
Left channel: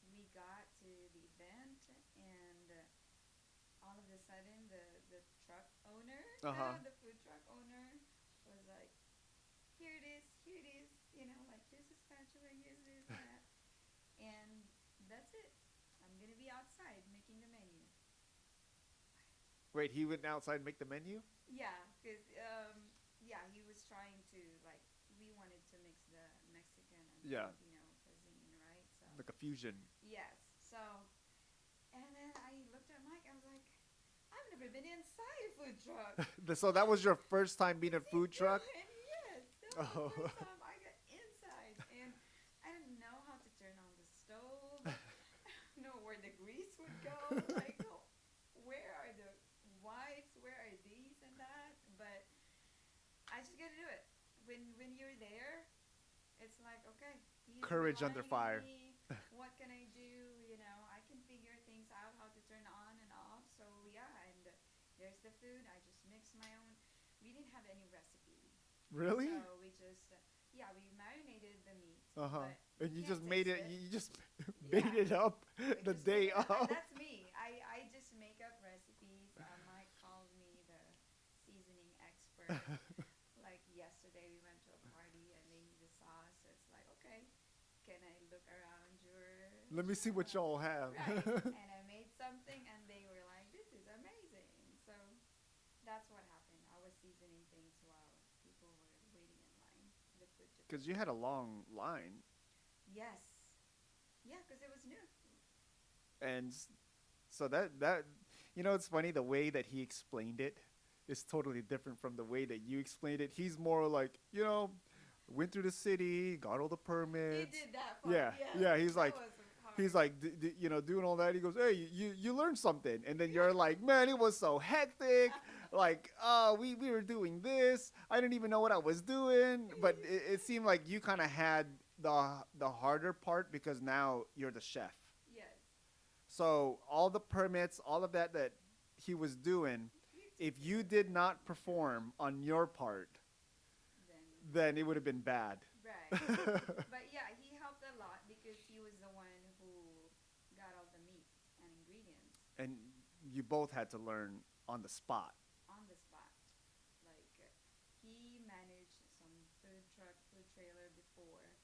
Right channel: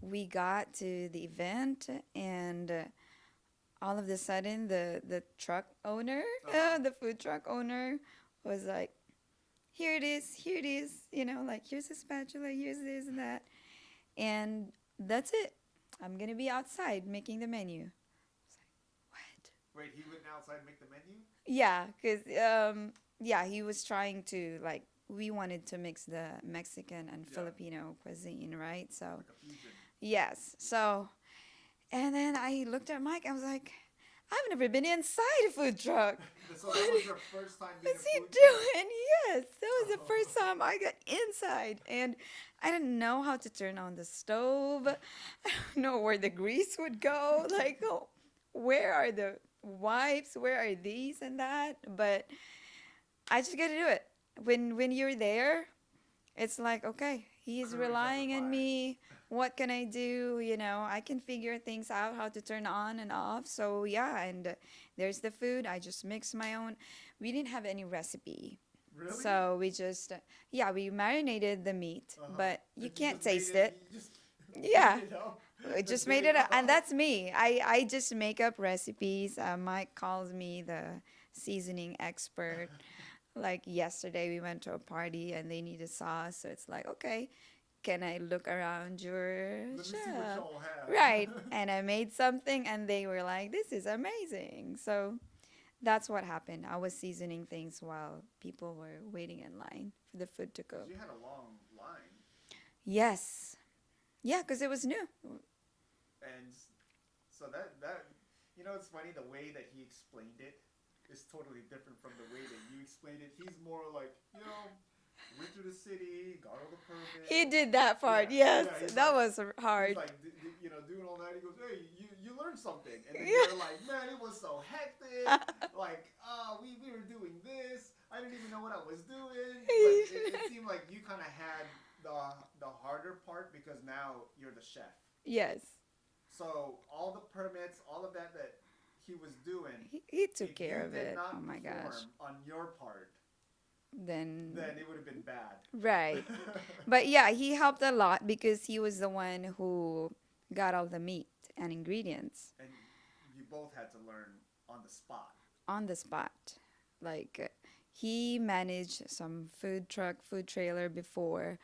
we got to the event and all of a sudden the truck owner, Uh-huh. the food truck owner was like, here it is, you know, like here's a spatula, here's this and that. And that's it. I'm going to be outside making the menu. What? Wait, he went outside and make the menu? Yeah, because yeah, he was trying to like we wanted to mix the Mexican and Yeah. Filipino cuisine, right? So Like a fusion. yes. So and then I looked at Mike. I was like, I've never been inside a food truck. So that was your first time being a What's he food truck? doing? Yes, that was the Oh. first time I got inside, and I didn't know how to turn on the stove. I don't know where the grease would go. Like, oh, where are the wipes? Where are these and that? But I just got to do it. When you're there, it's like, okay, he's Courage under relying on fire. me. What can I do? You know, I can figure things out, how to turn on and off. So yeah, and there's the food. I just mix my own. We didn't have any recipe. Really? So we just, yeah, we marinated the meat, Uh-huh. but you And can't just made taste it. You just Yeah. made it up. We the just made day it, and of. that's me. I just make up recipes. Mike calls me the seasoning expert. Like yesterday, we went to a party and they needed sauce, so it's like, okay, can I look around your Let me see what shelf? y'all have. Right, and I made something, and they were like, "This is amazing." So that's what happened. I was seasoning things while people were waiting in line for the food to cook. Because you had a long line, Yes, yeah, because it was new. and so that it's funny the way that he explained it is totally different from the way that you explained it. He's more like went through the city, got all the permits. He did that part. Yeah, Yes, yeah, he's that like- was hard. He's like, doing all that. He goes, "Hey, you learned something," and then Yeah. you're like, "Man, it was so hectic. Like, we were doing this. I didn't even know what I was doing." But it seemed like you kind of had the harder part because now you're the chef. Yes, So all the permits, all of that he was doing, he took if care you of did it. not Oh my perform gosh. on your part, Then it would have been bad. right. But yeah, he helped a lot because he was the one who got all the meat and ingredients And you both had to learn on the spot. on the spot. Like he managed some food truck, food trailer before,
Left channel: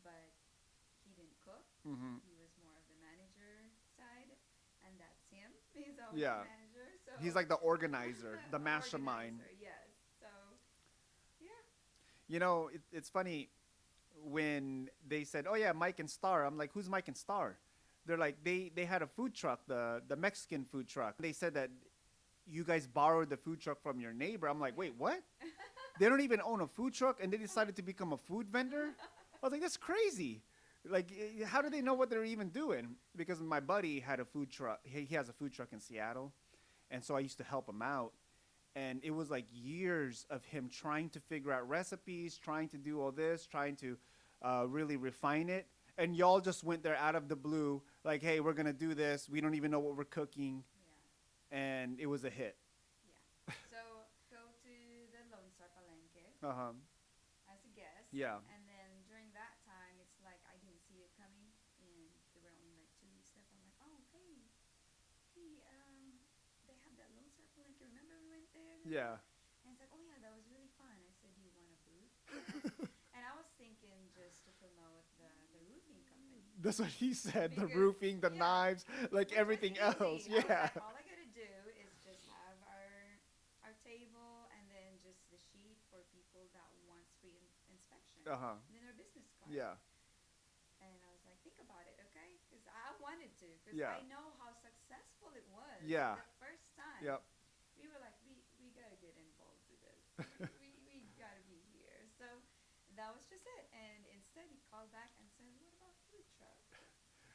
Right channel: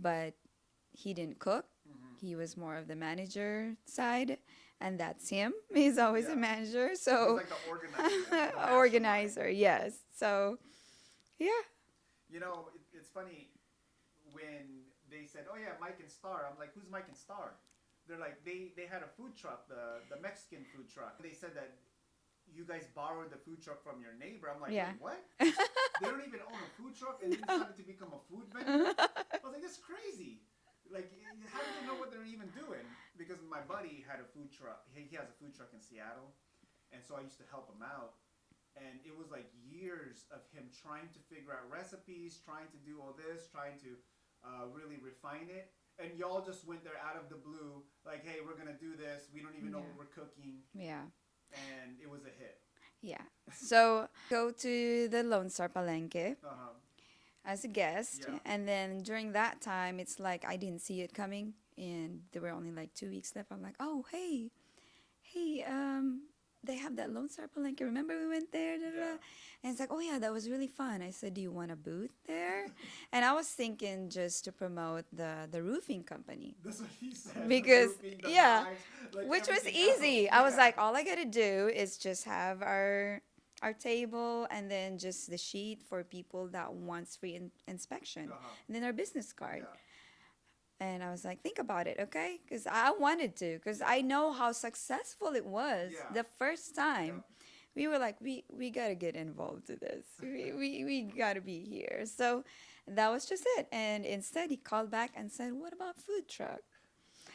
but he didn't cook. Mm-hmm. He was more of the manager side, and that's him. He's always Yeah. a manager. So He's like the organizer. The mastermind. organizer, yes. So yeah. It's funny when they said, "Oh yeah, Mike and Star." I'm like, "Who's Mike and Star?" They're like, they had a food truck, the Mexican food truck. They said that you guys borrowed the food truck from your neighbor. I'm like, Yeah. "Wait, what?" They don't even own a food truck, and they decided to become a food vendor. I was like, "That's crazy." Like, how do they know what they're even doing? Because my buddy had a food truck. He has a food truck in Seattle, and so I used to help him out. And it was like years of him trying to figure out recipes, trying to do all this, trying to really refine it. And y'all just went there out of the blue, like, "Hey, we're gonna do this. We don't even know Yeah. what we're cooking," Yeah. and it was a hit. Yeah. So go to the Lone Star Palenque Uh-huh. as a guest. Yeah. And then during that time, it's like I didn't see it coming. And there were only like 2 weeks left. I'm like, oh, hey, they have that Lone Star Palenque. Remember we went there? Da, da, da?" Yeah. And it's like, oh, yeah, that was really fun. I said, do you want a booth there? And I was thinking just to promote the roofing company. That's what he said. Because- the roofing, the yeah, knives, like Which was everything easy. else. I was Yeah. like, all I gotta do is just have our table and then just the sheet for people that wants free inspection. Uh-huh. And then our business card. Yeah. And I was like, think about it, okay? Because I wanted to, because Yeah. I know how successful it was Yeah. the first time. Yep. We were like, we gotta get involved to this. we gotta be here. So that was just it. And instead, he called back and said, what about food truck?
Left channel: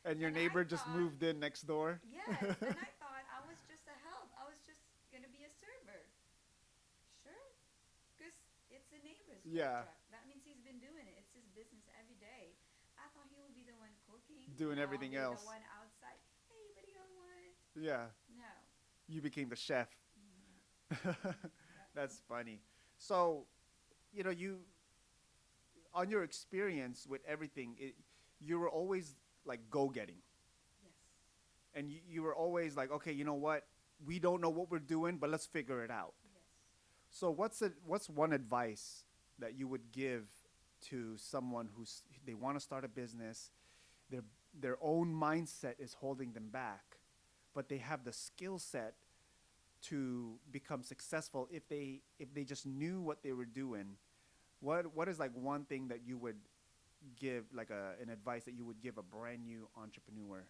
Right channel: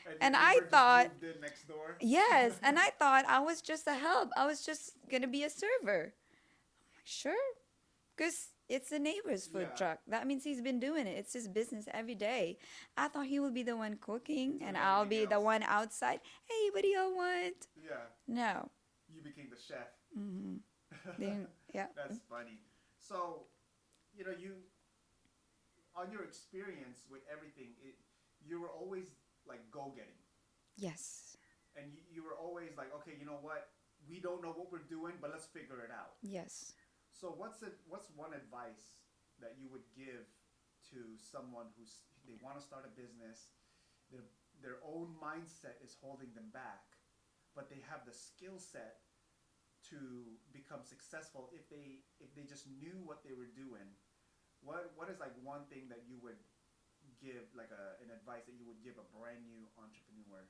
And, And your I neighbor just thought- moved in next door. Yes, and I thought I was just a help. I was just gonna be a server. Sure, because it's the neighbor's food Yeah. truck. That means he's been doing it. It's his business every day. I thought he would be the one cooking, Doing and I'll be everything the else. one outside. Hey, what do y'all want? Yeah. No. You became the chef. Hmm. Yeah. That's funny. So, you on your experience with everything, you were always like go-getting, Yes. and you were always like, "Okay, you know what? We don't know what we're doing, but let's figure it out." Yes. So, what's one advice that you would give to someone they want to start a business, their own mindset is holding them back, but they have the skill set to become successful if they just knew what they were doing, What is like one thing that you would give, like an advice that you would give a brand new entrepreneur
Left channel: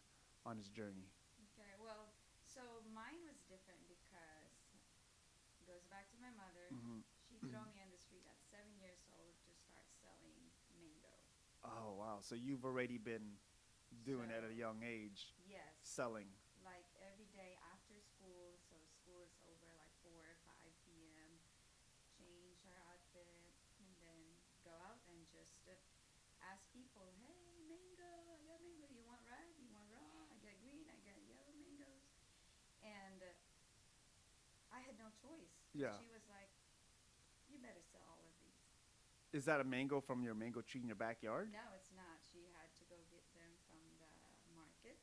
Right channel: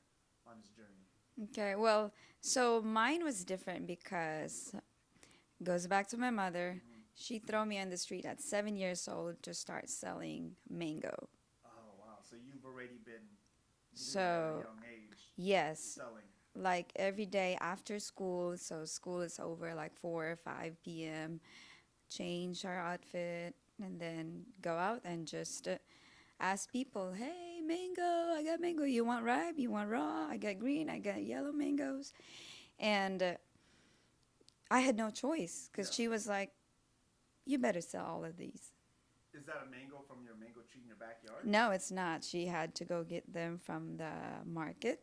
on his journey? Okay, well, so mine was different because goes back to my mother. Hmm. She threw me on the street at 7 years old to start selling mango. Oh wow! So you've already been doing that at a So young age, yes, selling. like every day after school. So school is over like 4 or 5 p.m. Change our outfit and then go out and just ask people, "Hey, mango! I got mango. You want ripe? You want raw? I got green. I got yellow mangoes." And I had no choice Yeah. because she was like, "You better sell all of these." Is that a mango from your mango tree in your backyard? No, it's not. She had to go get them from the market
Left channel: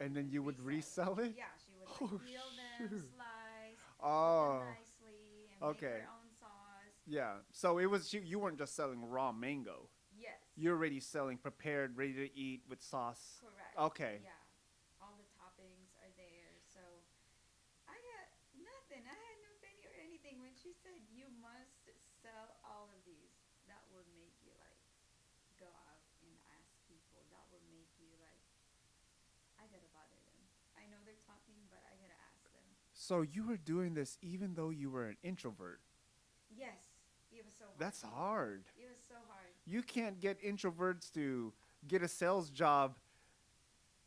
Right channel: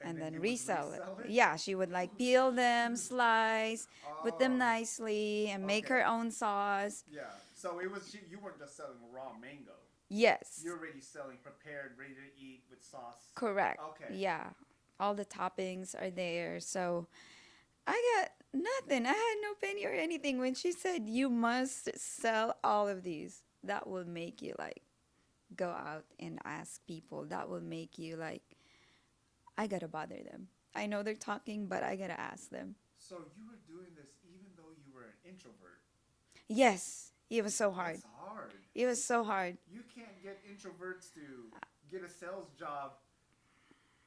and then you would resell resell it. it? Yeah, she would like peel them, slice, put them Oh, nicely, and make her okay. own sauce. Yeah. So it was you weren't just selling raw mango. Yes, You're already selling prepared, ready to eat with sauce. correct. Okay. Yeah, all the toppings are there. So I got nothing. I had no penny or anything when she said, "You must sell all of these." That will make you like go out and ask people. That will make you like, I gotta bother them. I know they're talking, but I gotta ask them. So you were doing this even though you were an introvert. Yes, it was so hard. That's hard. It was so hard. You can't get introverts to get a sales job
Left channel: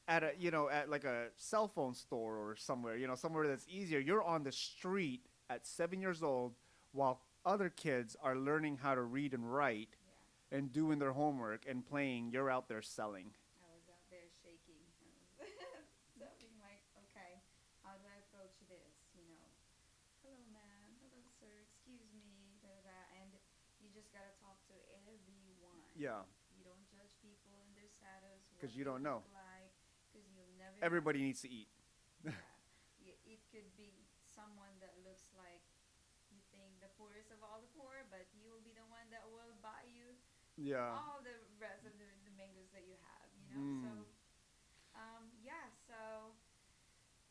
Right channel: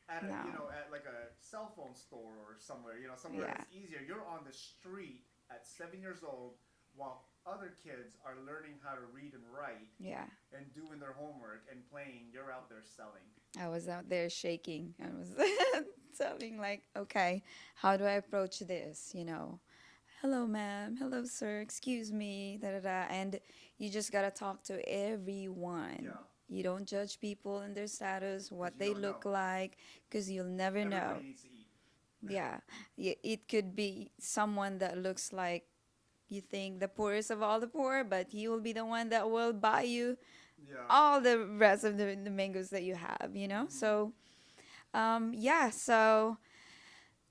at a No. at like a cell phone store or somewhere, somewhere Yeah. that's easier. You're on the street at 7 years old while other kids are learning how to read and write Yeah, and doing their homework and playing. You're out there selling. I was out there shaking. I was telling like, okay, how do I approach this? Hello, ma'am. Hello, sir. Excuse me. Da da da. And you just gotta talk to everyone. Yeah. You don't judge people and their status, what you they don't know. look like, because you'll never Everybody know. needs to eat. Yeah, it could be someone that looks like you think the poorest of all the poor, but he will be the one that will buy you Yeah. all the rest of the mangoes that you have. Mm. So, yeah, so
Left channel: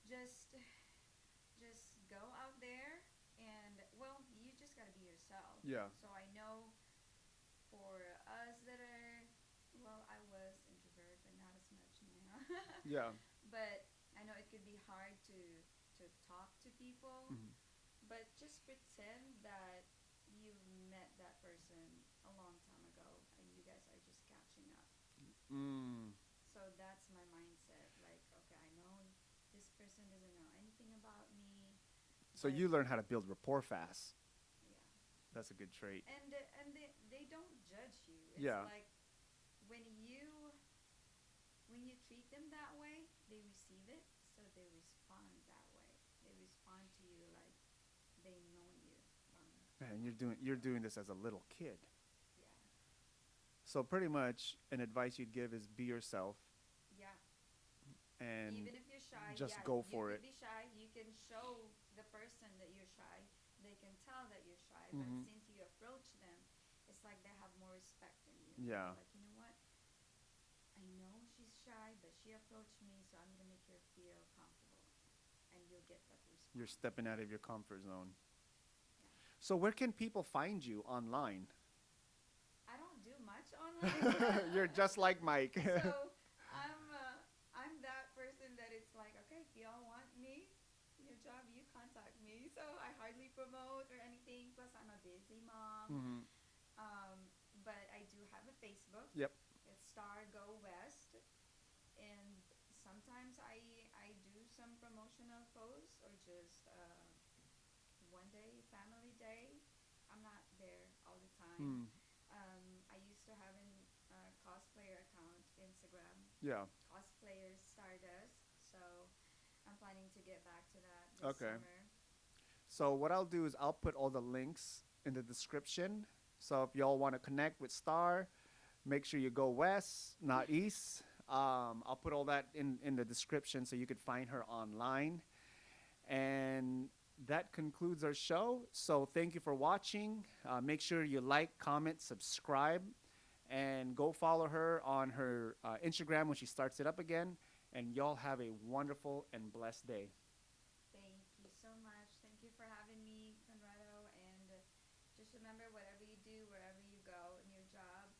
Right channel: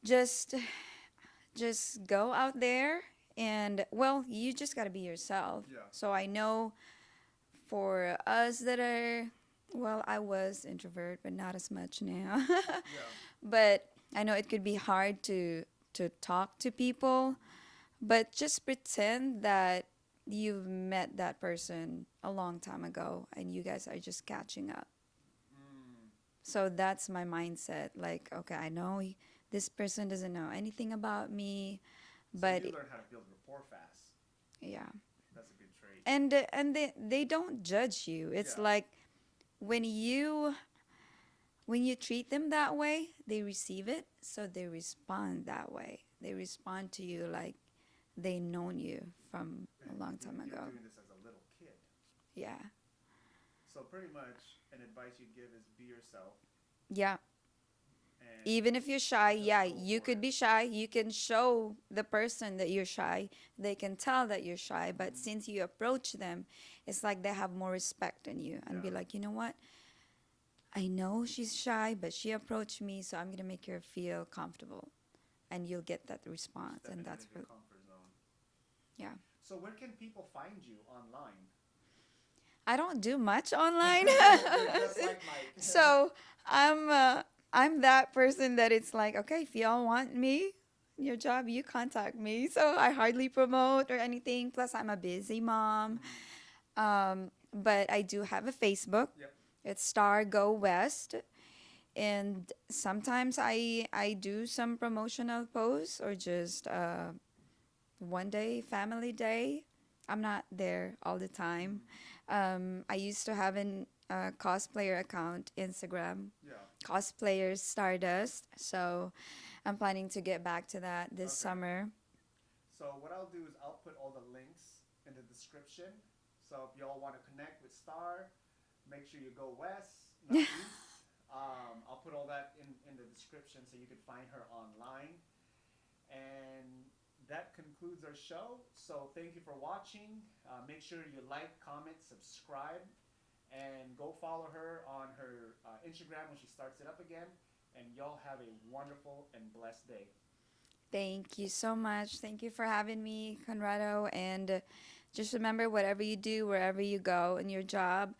just just go out there and well, you just got to be yourself. Yeah. So I know for us that are well, I was introvert, but not as much now. Yeah. But I know it could be hard to talk to people, but just pretend that you've met that person a long time ago and you guys are just catching up. Mm. So that's my mindset. Like, okay, I know this person doesn't know anything about me, So but you learn how to build rapport fast. yeah. That's a good trait. And they don't judge you. It's Yeah. like when you treat them that way, they receive it, so they respond that way. They respond to you like they known you from Man, a long time ago. you're doing this as a little kid. Yeah. So pretty much an advice you'd give is be yourself Yeah. and Even if you're shy, just yeah, go you for could it. be shy. You can show the person that you're shy. They can tell that you're shy, but Mhm. since you approach them, it's like they have more respect in you and be Yeah. like, you know what? I know she's shy, but she approached me, so I'm gonna make her feel comfortable, and you'll get that You're response. And stepping out that's of your good. comfort zone. Yeah. So where can people find you online? I don't do much online. You're just like Mike. So I'm that person that it's like, okay, if y'all want me, your job, you contact me. So I hardly promote or anything. Plus, I'm a busy mom. But I do have a Facebook. Yep. It's Star Go West. And sometimes I do some promotional posts or just one day, family day. I'm not there all the time. I used to have an cosplayer account, Instagram, Yeah. Cosplayers Stardust. So I'm planning to get back to that this Okay. summer. So what I'll do is I'll put all the links in the description. So if y'all want to connect with Star, make sure you go west, not east. I'll put all that in the description so you could find her online. And that concludes our show. So thank you for watching. Make sure you like, comment, subscribe, and go follow her on her Instagram when she starts it up again. And y'all have a wonderful and blessed day. Thank you so much. Thank you for having me, Conrado. And just remember, whatever you do, wherever you go in your job,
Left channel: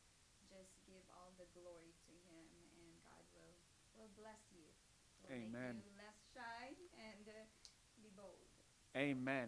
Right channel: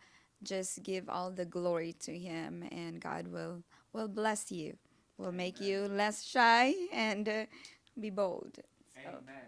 just give all the glory to Him, and God will bless you. Will make Amen. you less shy and be bold. So, Amen.